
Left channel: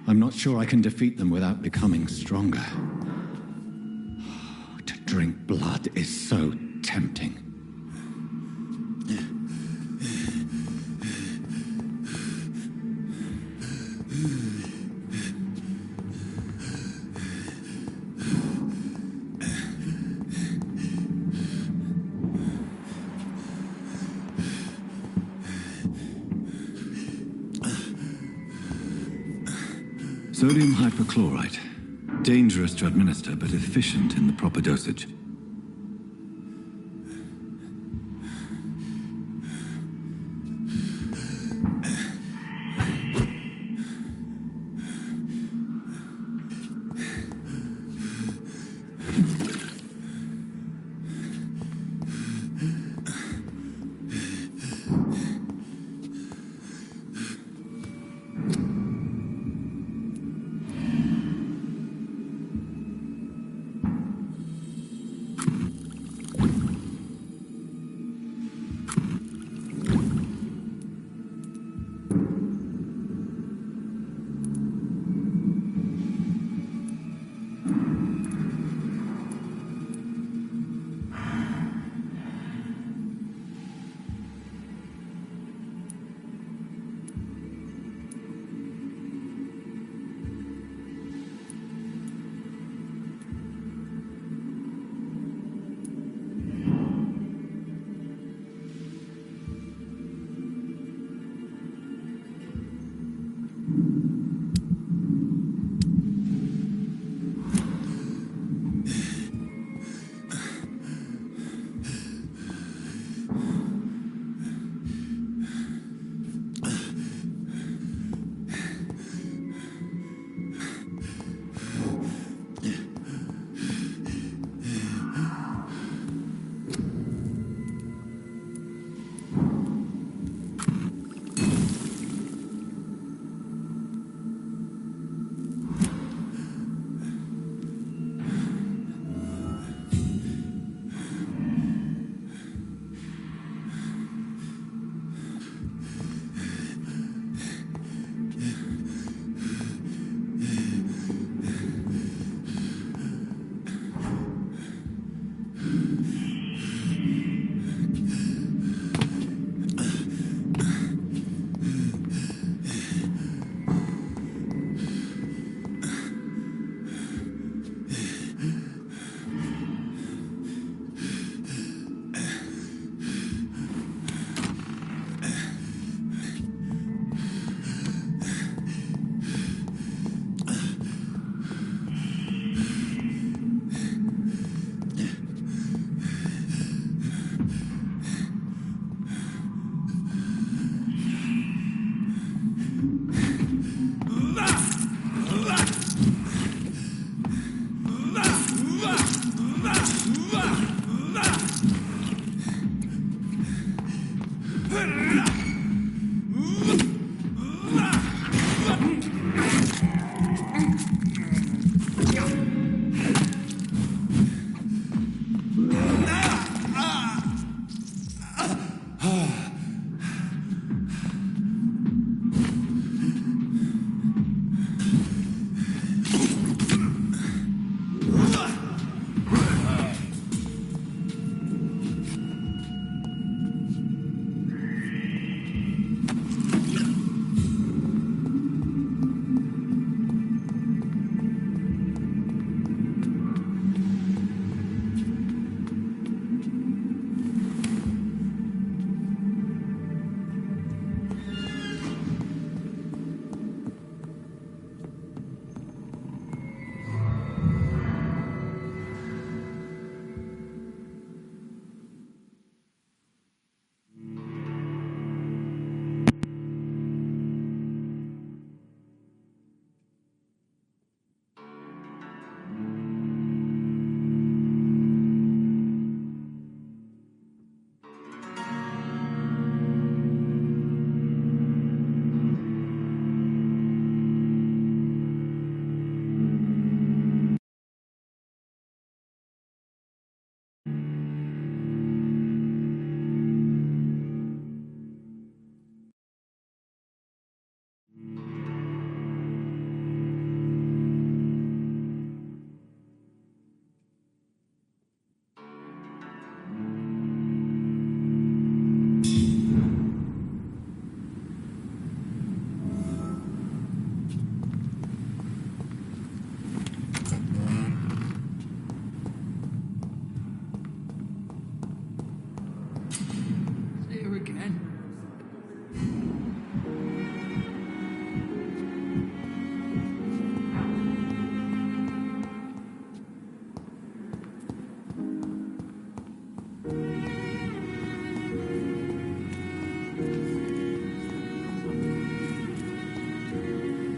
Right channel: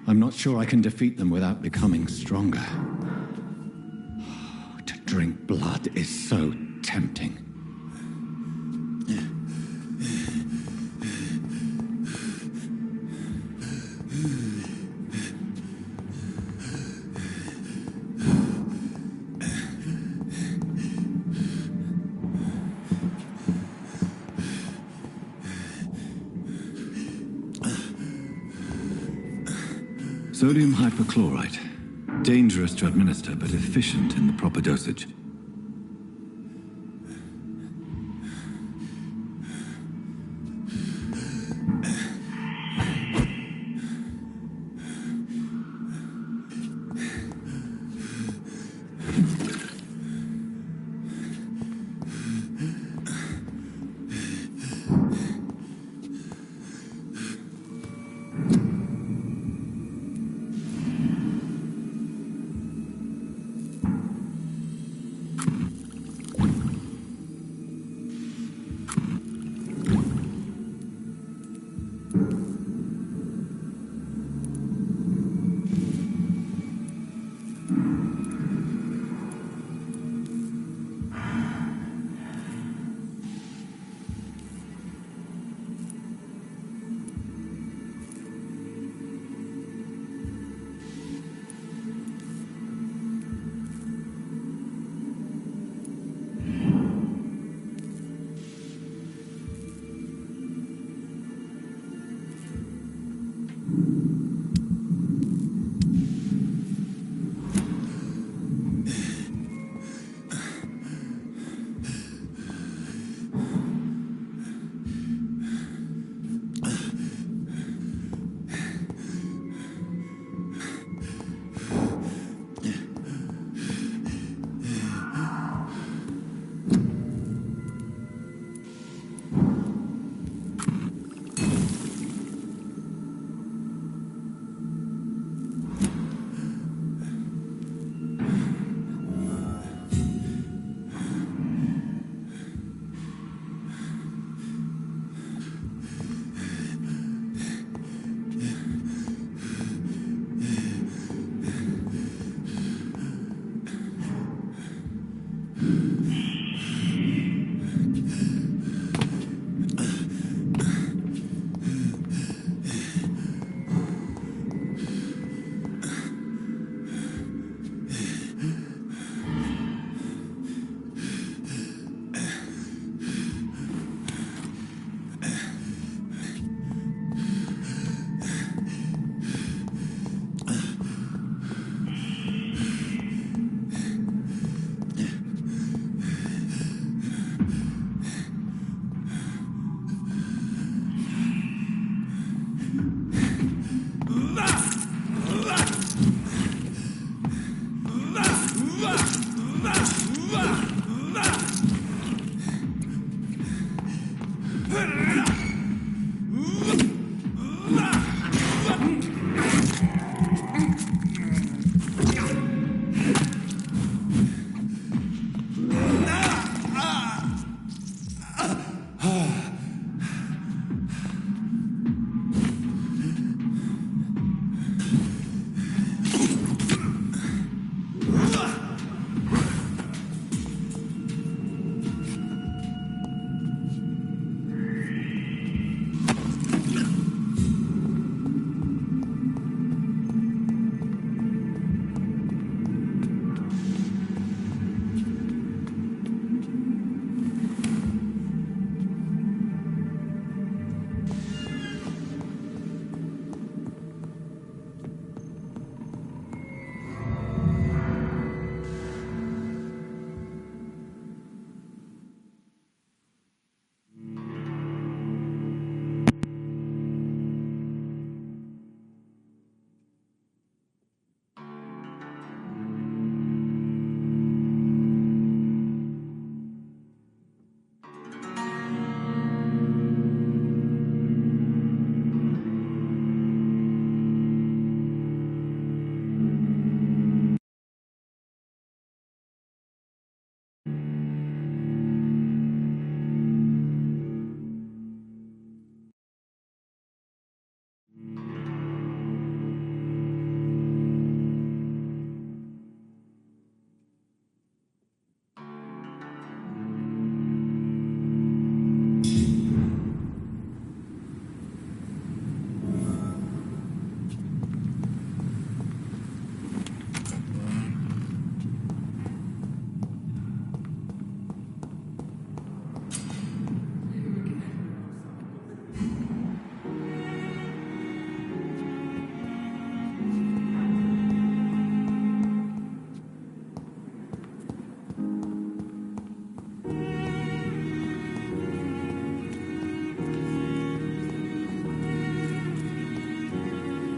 I'm not sure I can defeat them without becoming stronger. To drink blood is so tempting. Sodium hypochlorite. Dangerous to administer, but efficient in the proper dosage.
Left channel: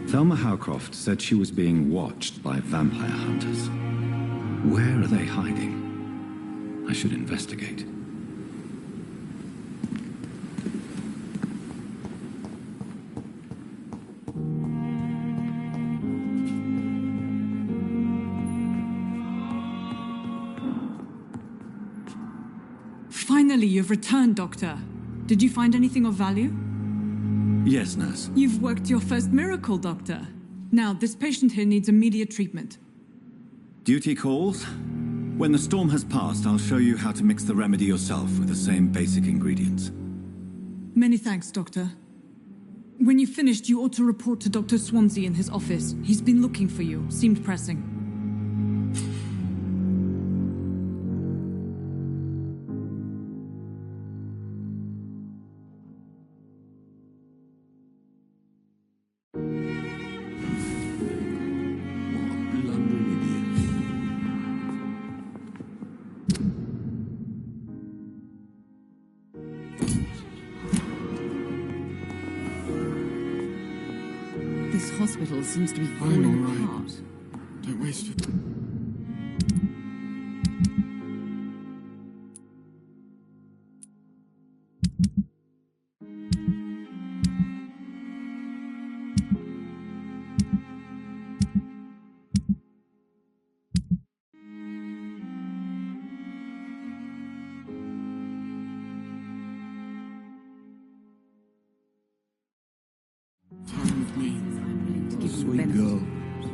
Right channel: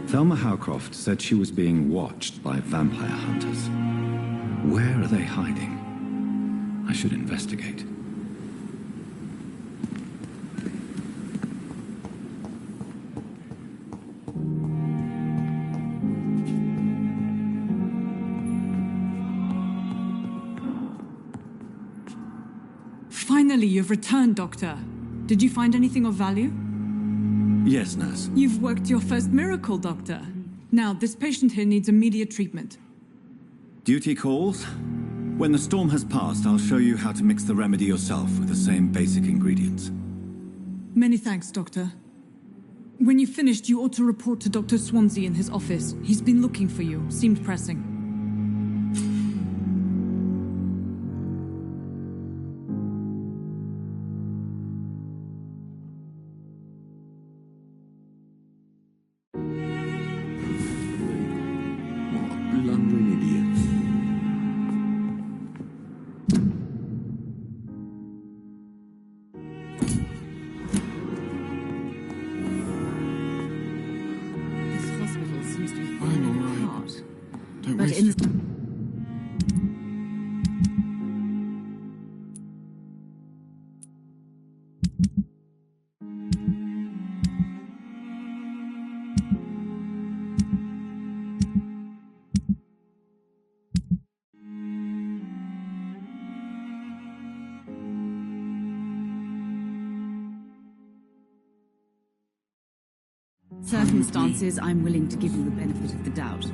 Thelma Howcroft said she was being watched by vampire hunters. Where are they hiding? I should investigate. Finally, you've returned, Doctor. Did you find anything of value? Yes, nurse. You've worked your first miracle, Doctor. Now, this patient here needs immediate treatment. Duty calls. When the storm has passed, I'll show you how to mix the remedy yourself with the same basic ingredients. Many thanks, Doctor. When you've finished, you ought to report to Dr. Swansea in his office. He's been looking for you. Seemed pressing. Hospital seems to be falling apart. Don't waste it. Circumstances, I'm willing to give you the benefit of the doubt.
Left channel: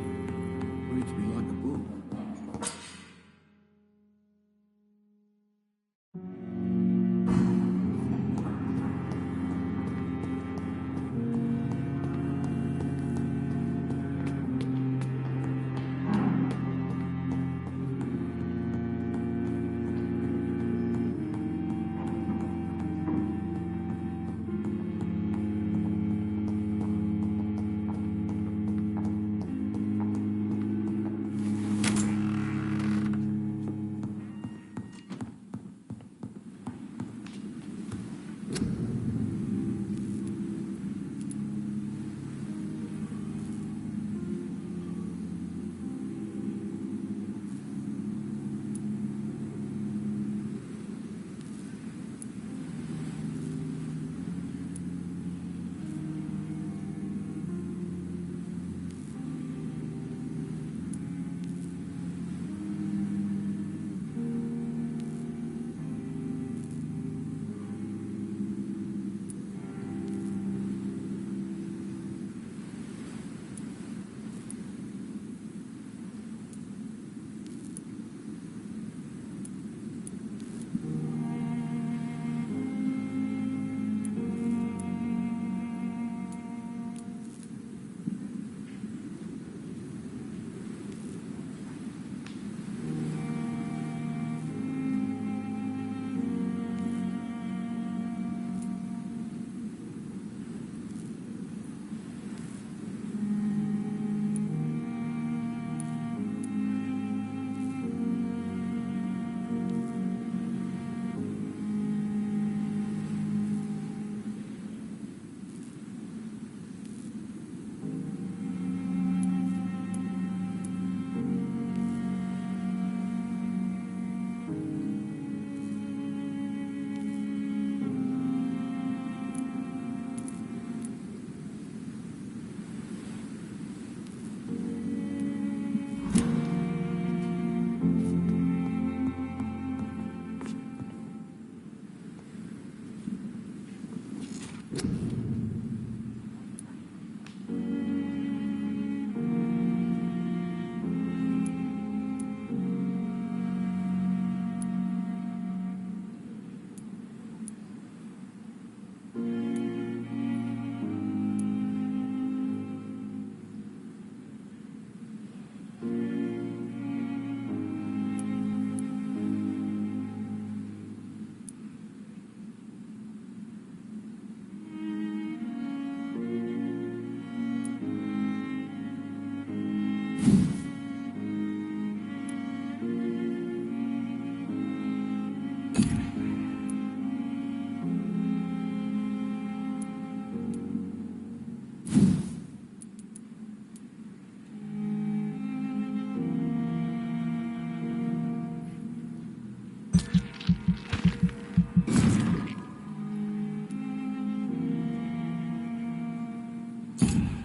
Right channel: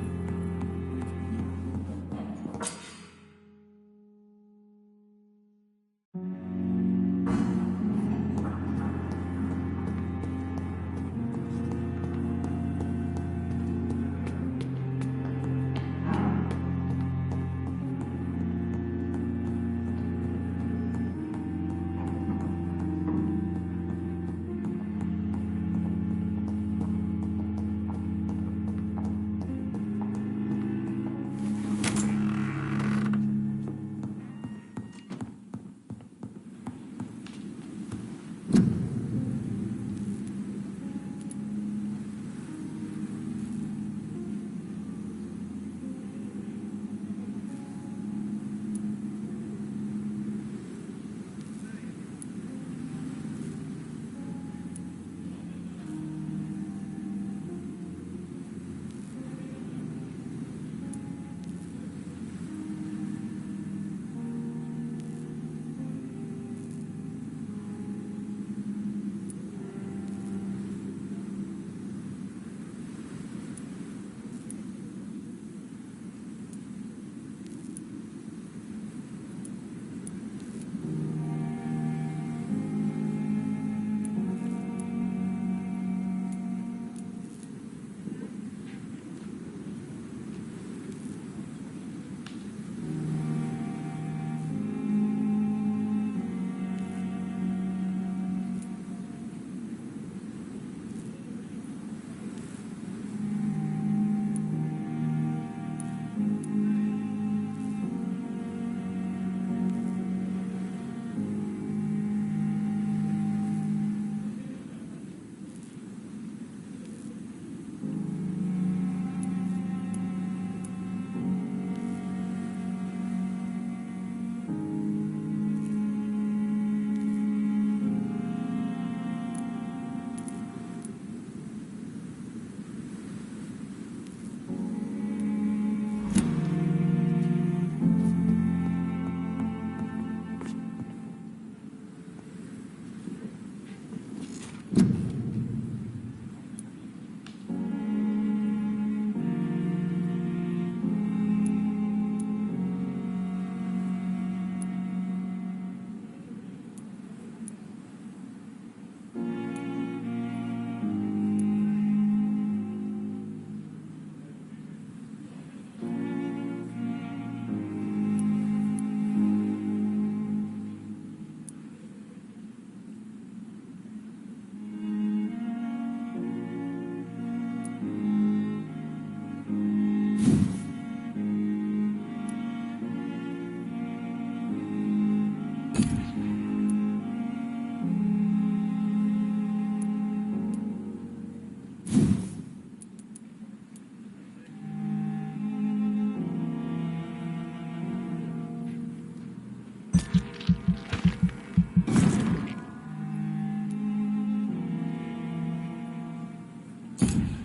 Thank you.